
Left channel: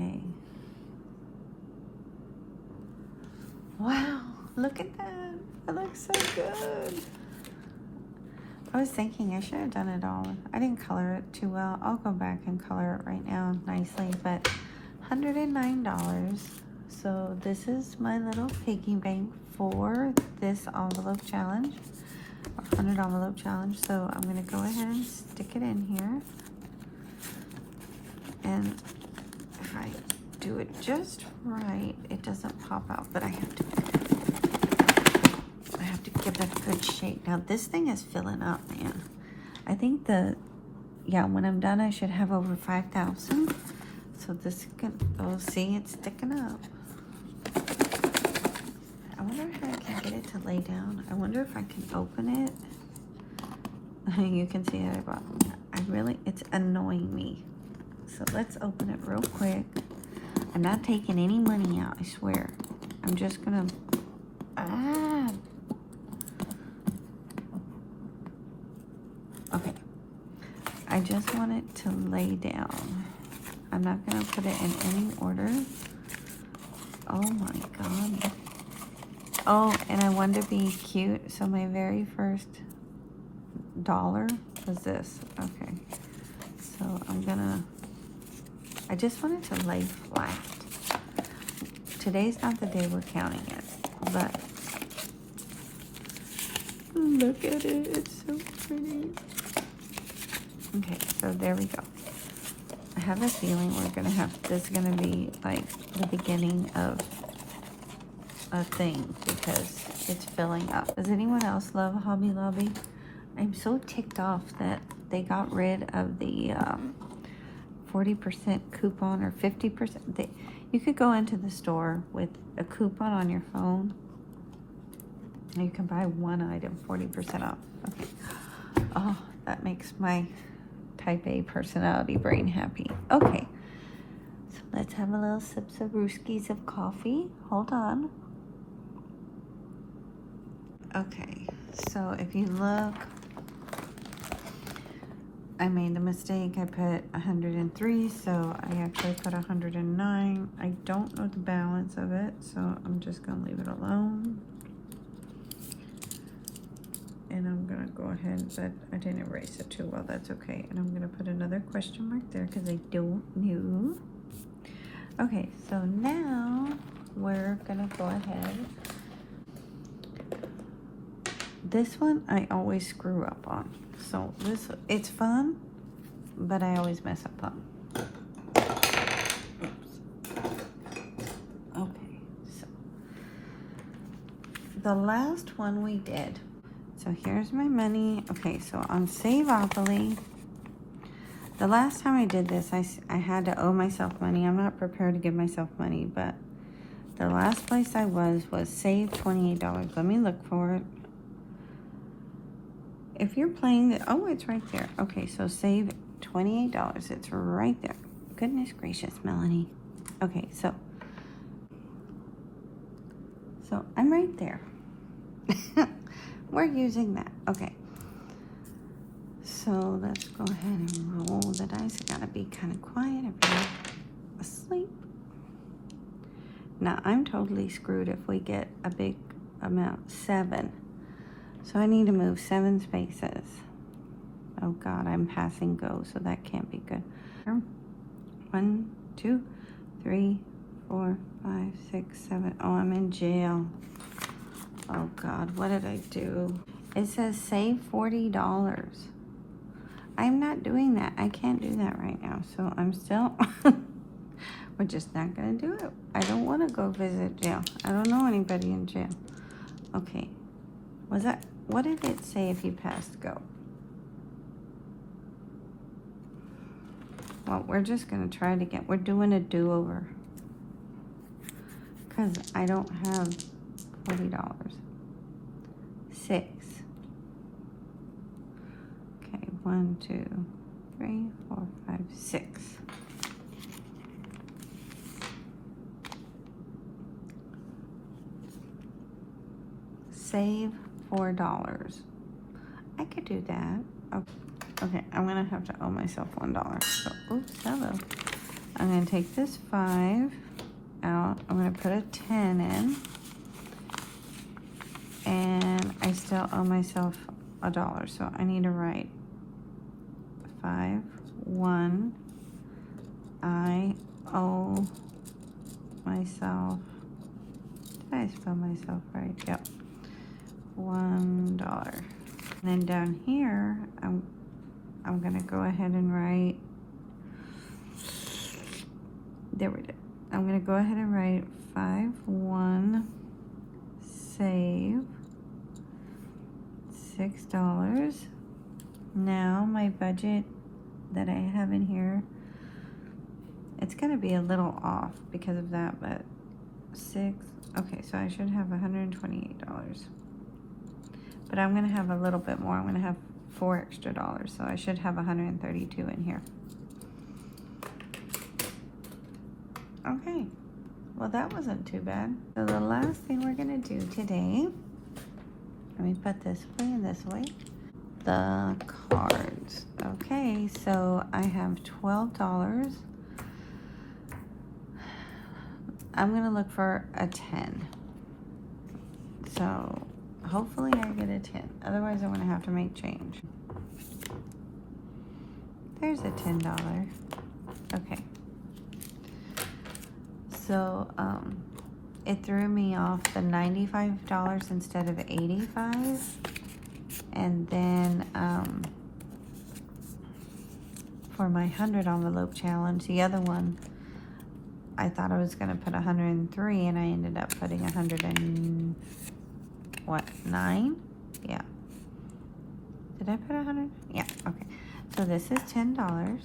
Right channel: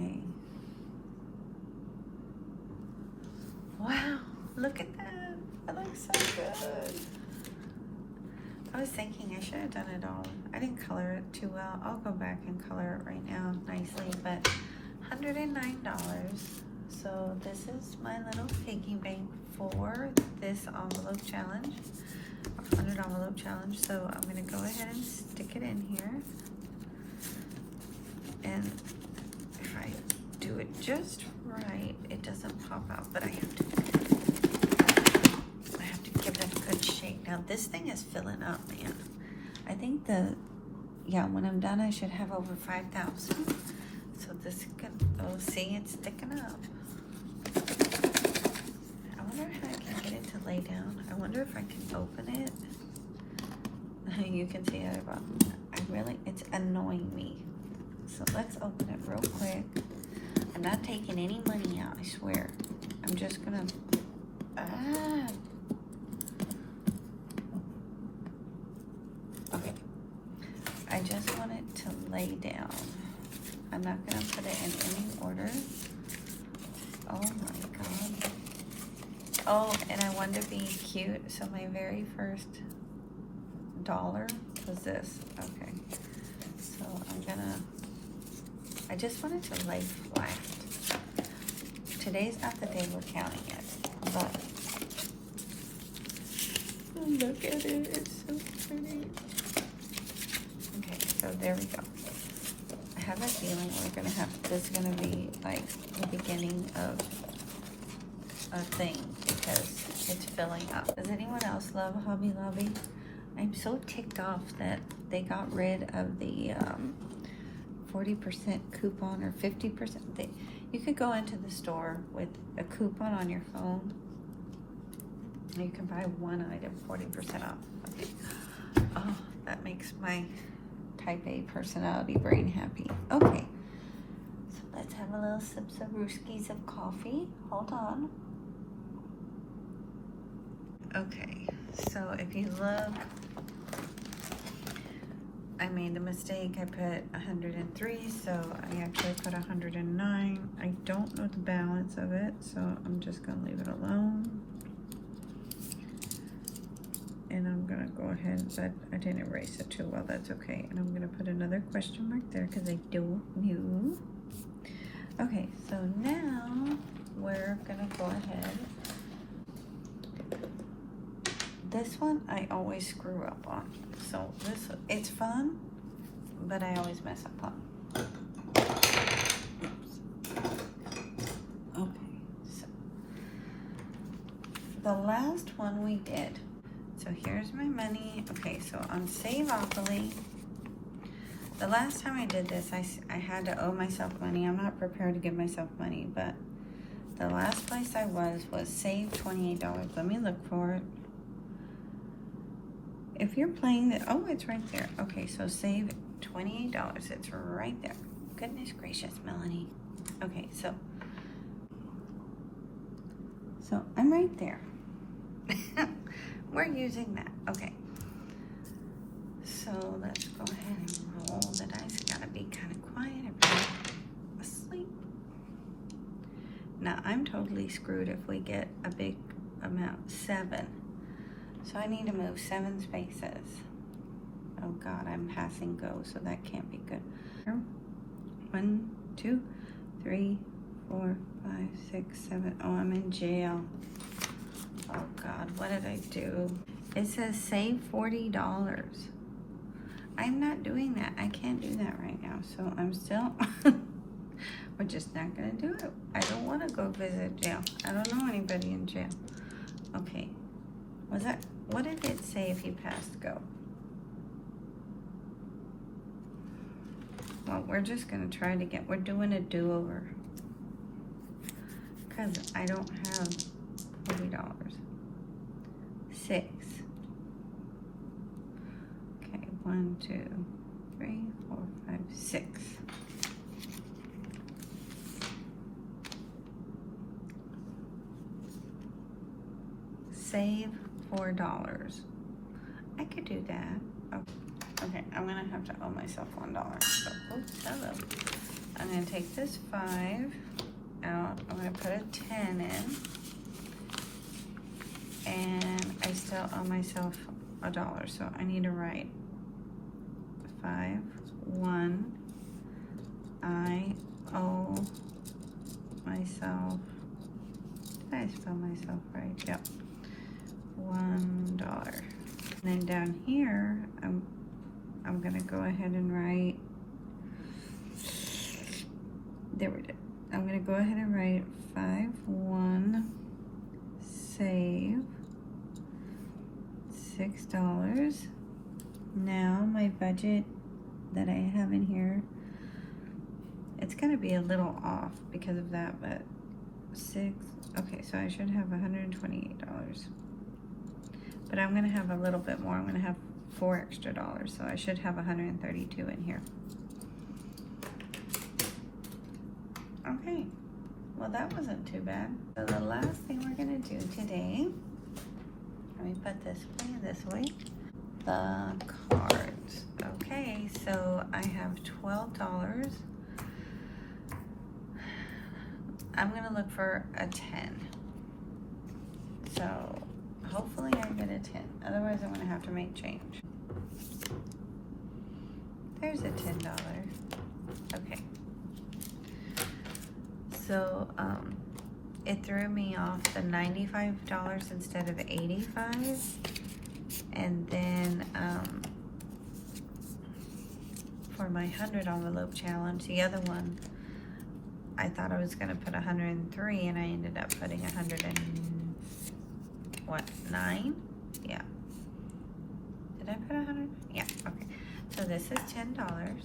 Okay. Wow, look at that. It looks so good. I was thinking I should have done it all. I didn't color it too well. I'll go back and color it right now nicely, but $109. So this is my little piggy bank for this envelope challenge, 100 envelope challenge. So I'm gonna go ahead and stick it in here. And if I do it just right, it doesn't pop out, but I have to give it a good shake. Now this thing is filling up, man. I think when I'm done, I should have over 5,000. So this could, oh, see, it's sticking up. wonder if I can get it to lay down. I wonder if I can open it. You can see it. It's annoying me. So let's open it real quick. I'm not taking any money out, I swear. I'm just gonna, Okay. I just want it to lay down. I'm not gonna put it in any order. Oh my God. Oh, and I wanted to be cute, so my very first dollar is this. Okay. So I just want it to lay flat. Today's not the day we're counting it, but look at it, it's so pretty. Okay, so there we go. I have a feeling this is gonna be like the beginning of a thing because it's filling up. Does anyone else love Hobby Lobby? I'm so ticked off that they got rid of the 40% coupon or 50%. You could go into the store with a coupon on your phone and you can buy one item 40% off. Okay. Oh, that makes my type A personality brain happy. Okay, so let's have a little sips of brewskis of coffee. Hold on. Okay, so if you look, I made a mistake. I put 103, so I actually put 109. I don't know the balance of it, so I'm just gonna leave it alone. And I'm gonna go ahead, but I didn't erase it too well, that's okay. And I'm gonna put another question mark there because I don't know. Okay, so now we're gonna go ahead. This one I always screw up on. So it's fun, but I always mess up on. Oops. Okay, so the last one we did. So here's my money. Okay, so on Savopoly, the last time I did this, I had to owe myself money. I'm not prepared to give myself money, but the last place I was save $28. Let me look for it. If you're playing oh, it's right there. Okay, so save $28. It's right there. Goodness gracious, Melanie. Okay, so I'm right there. We're using that. Okay. So let's go ahead and roll the dice. I gotta be kind of quiet. I'm asleep. Now I'm totally screwed if we get a big amount. 7. So I need to move 7 spaces. Oh God, I'm passing go, so that can't be good. 1, 2, 3, 4, 5, 6, 7. Oh, I'm in jail. Oh God, what did I do? It says save $40. I'm not doing that. I can't do that right now. So I'm still, we're just not gonna do it. I don't wanna go visit jail. I don't know anybody in jail. Okay, what did it say if you passed go? Well, we're just gonna try it again. We're doing a do-over. Cause I don't have $40. 6. Okay, 1, 2, 3, 4, 5, 6. Save $4. I could do that. Okay, I'm gonna have to owe myself $1. So, oops, hello. I'm gonna take this 5 out. I'm gonna put a 10 in. And I still owe myself $1. So I need to write 5, 1. I owe myself, did I spell myself right? Yep. $1. And then down here, I'm gonna go ahead and write, there we go. I'm gonna go ahead and write 5, 1, save $6. Now my budget that I have in here, it's gonna be a little off because of that, but 6. Okay, so I should have $128. But I'm gonna have a little bit more. I'm gonna have $4 extra, so I should have 132 in here. Okay, well that wasn't too bad. So the last thing we're gonna do today, let me put this way and this way. The cards. Okay, so I have $12. I'm gonna look for a 10. So hopefully I get a 10. Otherwise I'm gonna have to make change. There's a $10. Okay. So it threw me off the $95 instead of $85. And then for my 100 envelope challenge, the other one, I thought I was gonna put 103 and I ended up putting 9? Yeah. Did I put 100? Yeah, okay. So this is $10.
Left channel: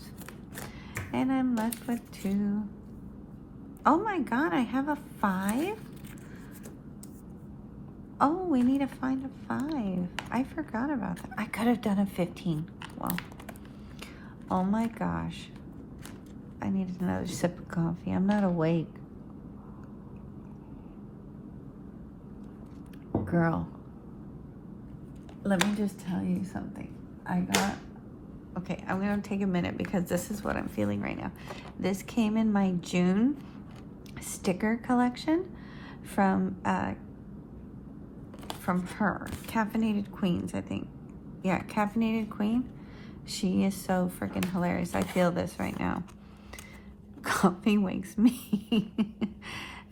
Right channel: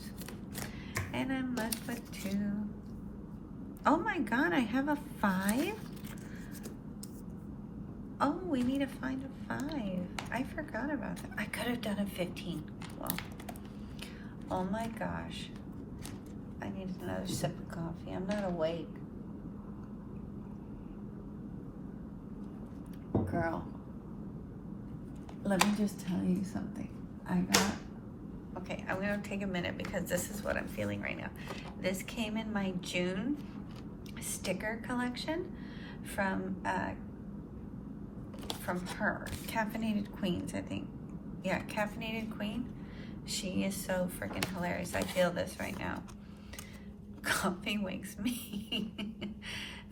And I'm left with 2. Oh my God, I have a 5? Oh, we need to find a 5. I forgot about that. I could have done a 15. Wow. Oh my gosh. I need another sip of coffee. I'm not awake. Girl, let me just tell you something. Okay, I'm gonna take a minute because this is what I'm feeling right now. This came in my June sticker collection from her, Caffeinated Queens, I think. Yeah, Caffeinated Queen. She is so freaking hilarious. I feel this right now. Coffee makes me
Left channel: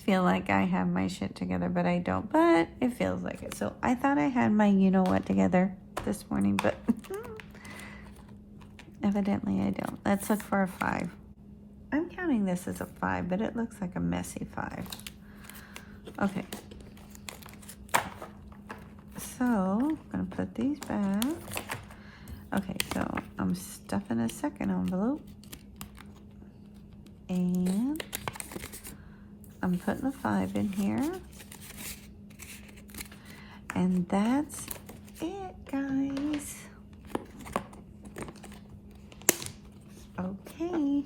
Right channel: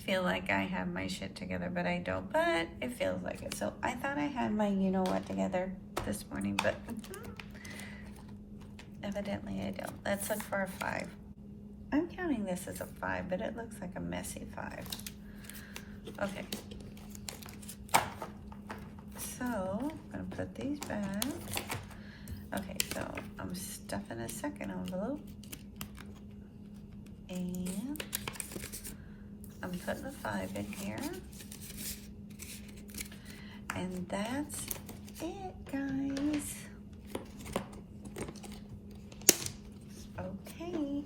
feel like I have my shit together, but I don't. But it feels like it. So I thought I had my you-know-what together this morning, but evidently I don't. Let's look for a 5. I'm counting this as a 5, but it looks like a messy 5. Okay. So I'm gonna put these back. Okay, so I'm stuffing a second envelope. And I'm putting a 5 in here. And that's it, guys. Okay.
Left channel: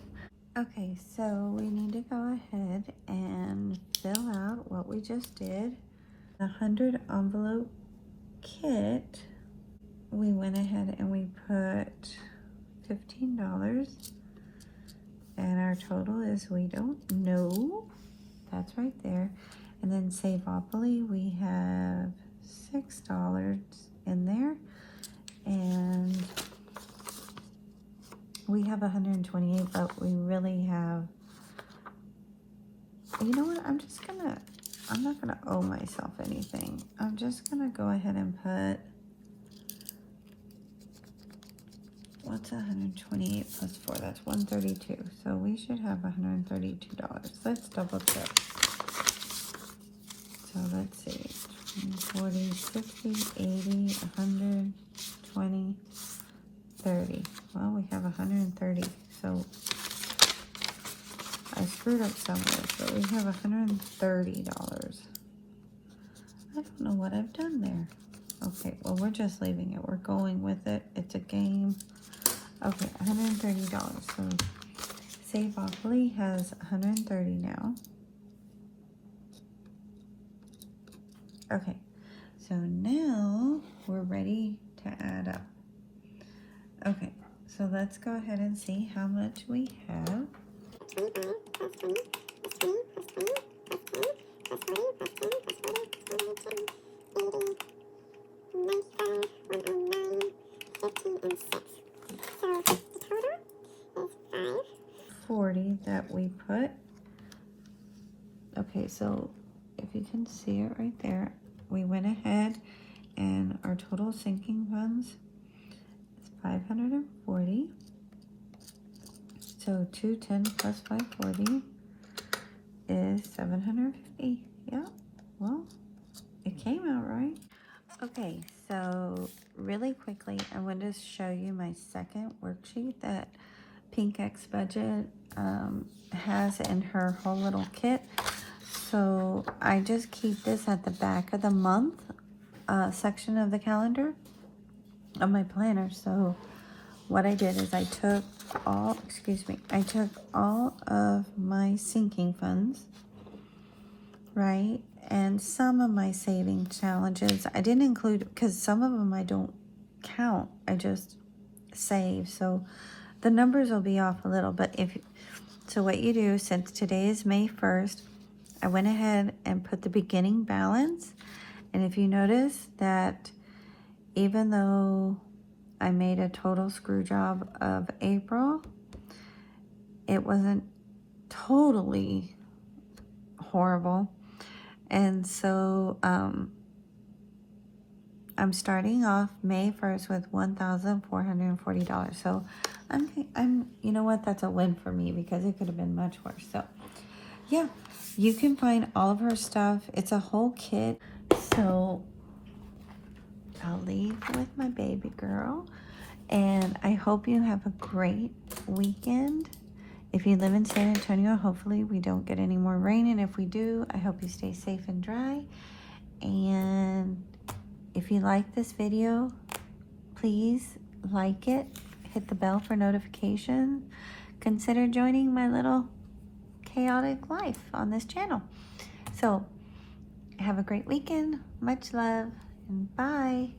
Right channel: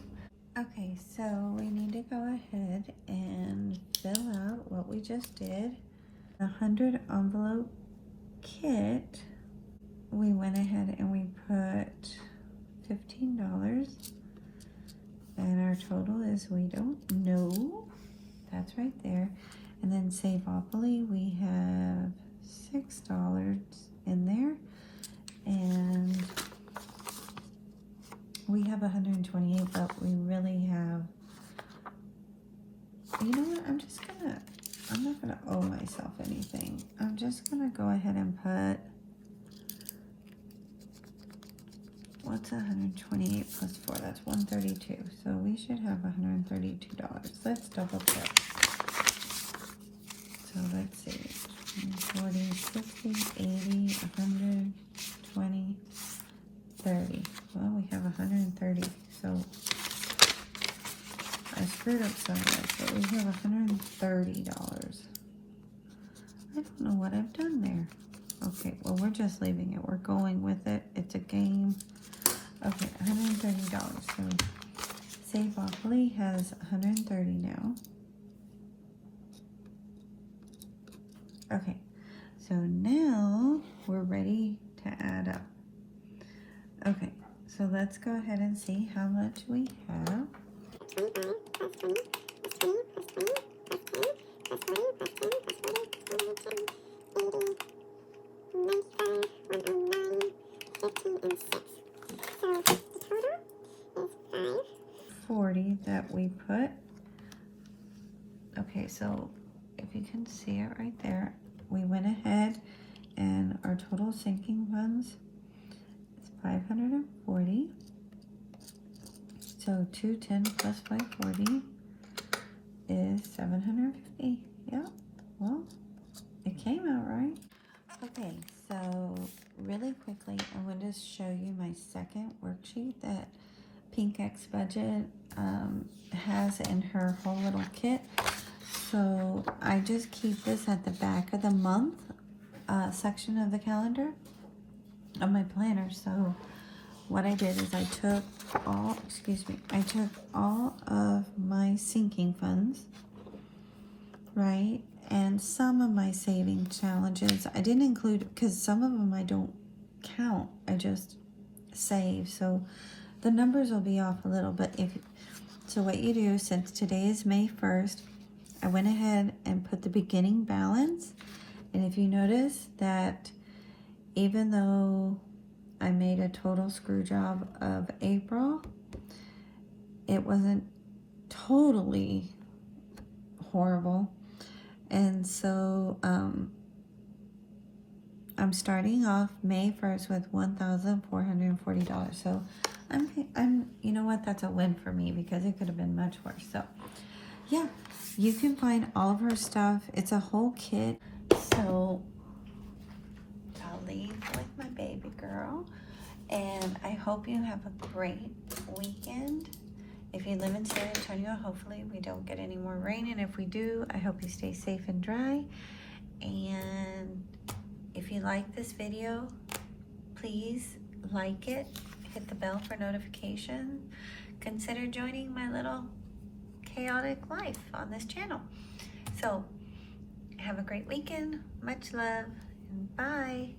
Okay, so we need to go ahead and fill out what we just did. The 100 envelope kit, we went ahead and we put $15. And our total is, we don't know. That's right there. And then Savopoly, we have $6 in there. And we have 128, but we really have, you know what, I'm not gonna owe myself anything. I'm just gonna go ahead and put, what's 128 plus 4? That's 132. So we should have $132. Let's double check. So let's see. 40, 60, 80, 100, 20, 30. Well, we have 130. So I screwed up somewhere. So we have $130. I don't know what I've done there. Okay, well, we're just leaving it. We're going with it. It's a game. Okay, $130. So Savopoly has 130 now. Okay, so now we're ready to add up. Okay, so let's go ahead and see how much we have. 25 plus 20 plus 20 plus 20 plus 10 plus 40 plus 10 plus 40 110 80 95 109 15 and 6. So the total is 40 that we put. Okay, so if you can see it right there, we went ahead and our total sinking funds is 540. So 210 plus 540 is 750. Yeah, well, it came out right. Okay, so really quickly, I want to show you my second worksheet that Pink X Budget has in her whole little kit. So I just keep this at the back of the month section of the calendar of my planner. So what I did is I took all of my sinking funds, right? And some of my saving challenges. I didn't include, because some of them I don't count. I just save. So the numbers will be off a little, but so what you do, since today is May 1st, I went ahead and put the beginning balance. And if you notice that even though I made a total screw job of April, it wasn't totally horrible. And so I'm starting off May 1st with $1,440. So I'm you know what, that's a win for me, because it could have been much worse. So yeah, you can find all of her stuff. It's a whole kit. So I'll leave with my baby girl, and I hope you have a great weekend. If you live in San Antonio, hopefully we don't get any more rain, and if we do, I hope you stay safe and dry. And if you like this video, please like it, hit the bell for notifications. Consider joining my little chaotic life on this channel. So have a great weekend. Much love, and bye.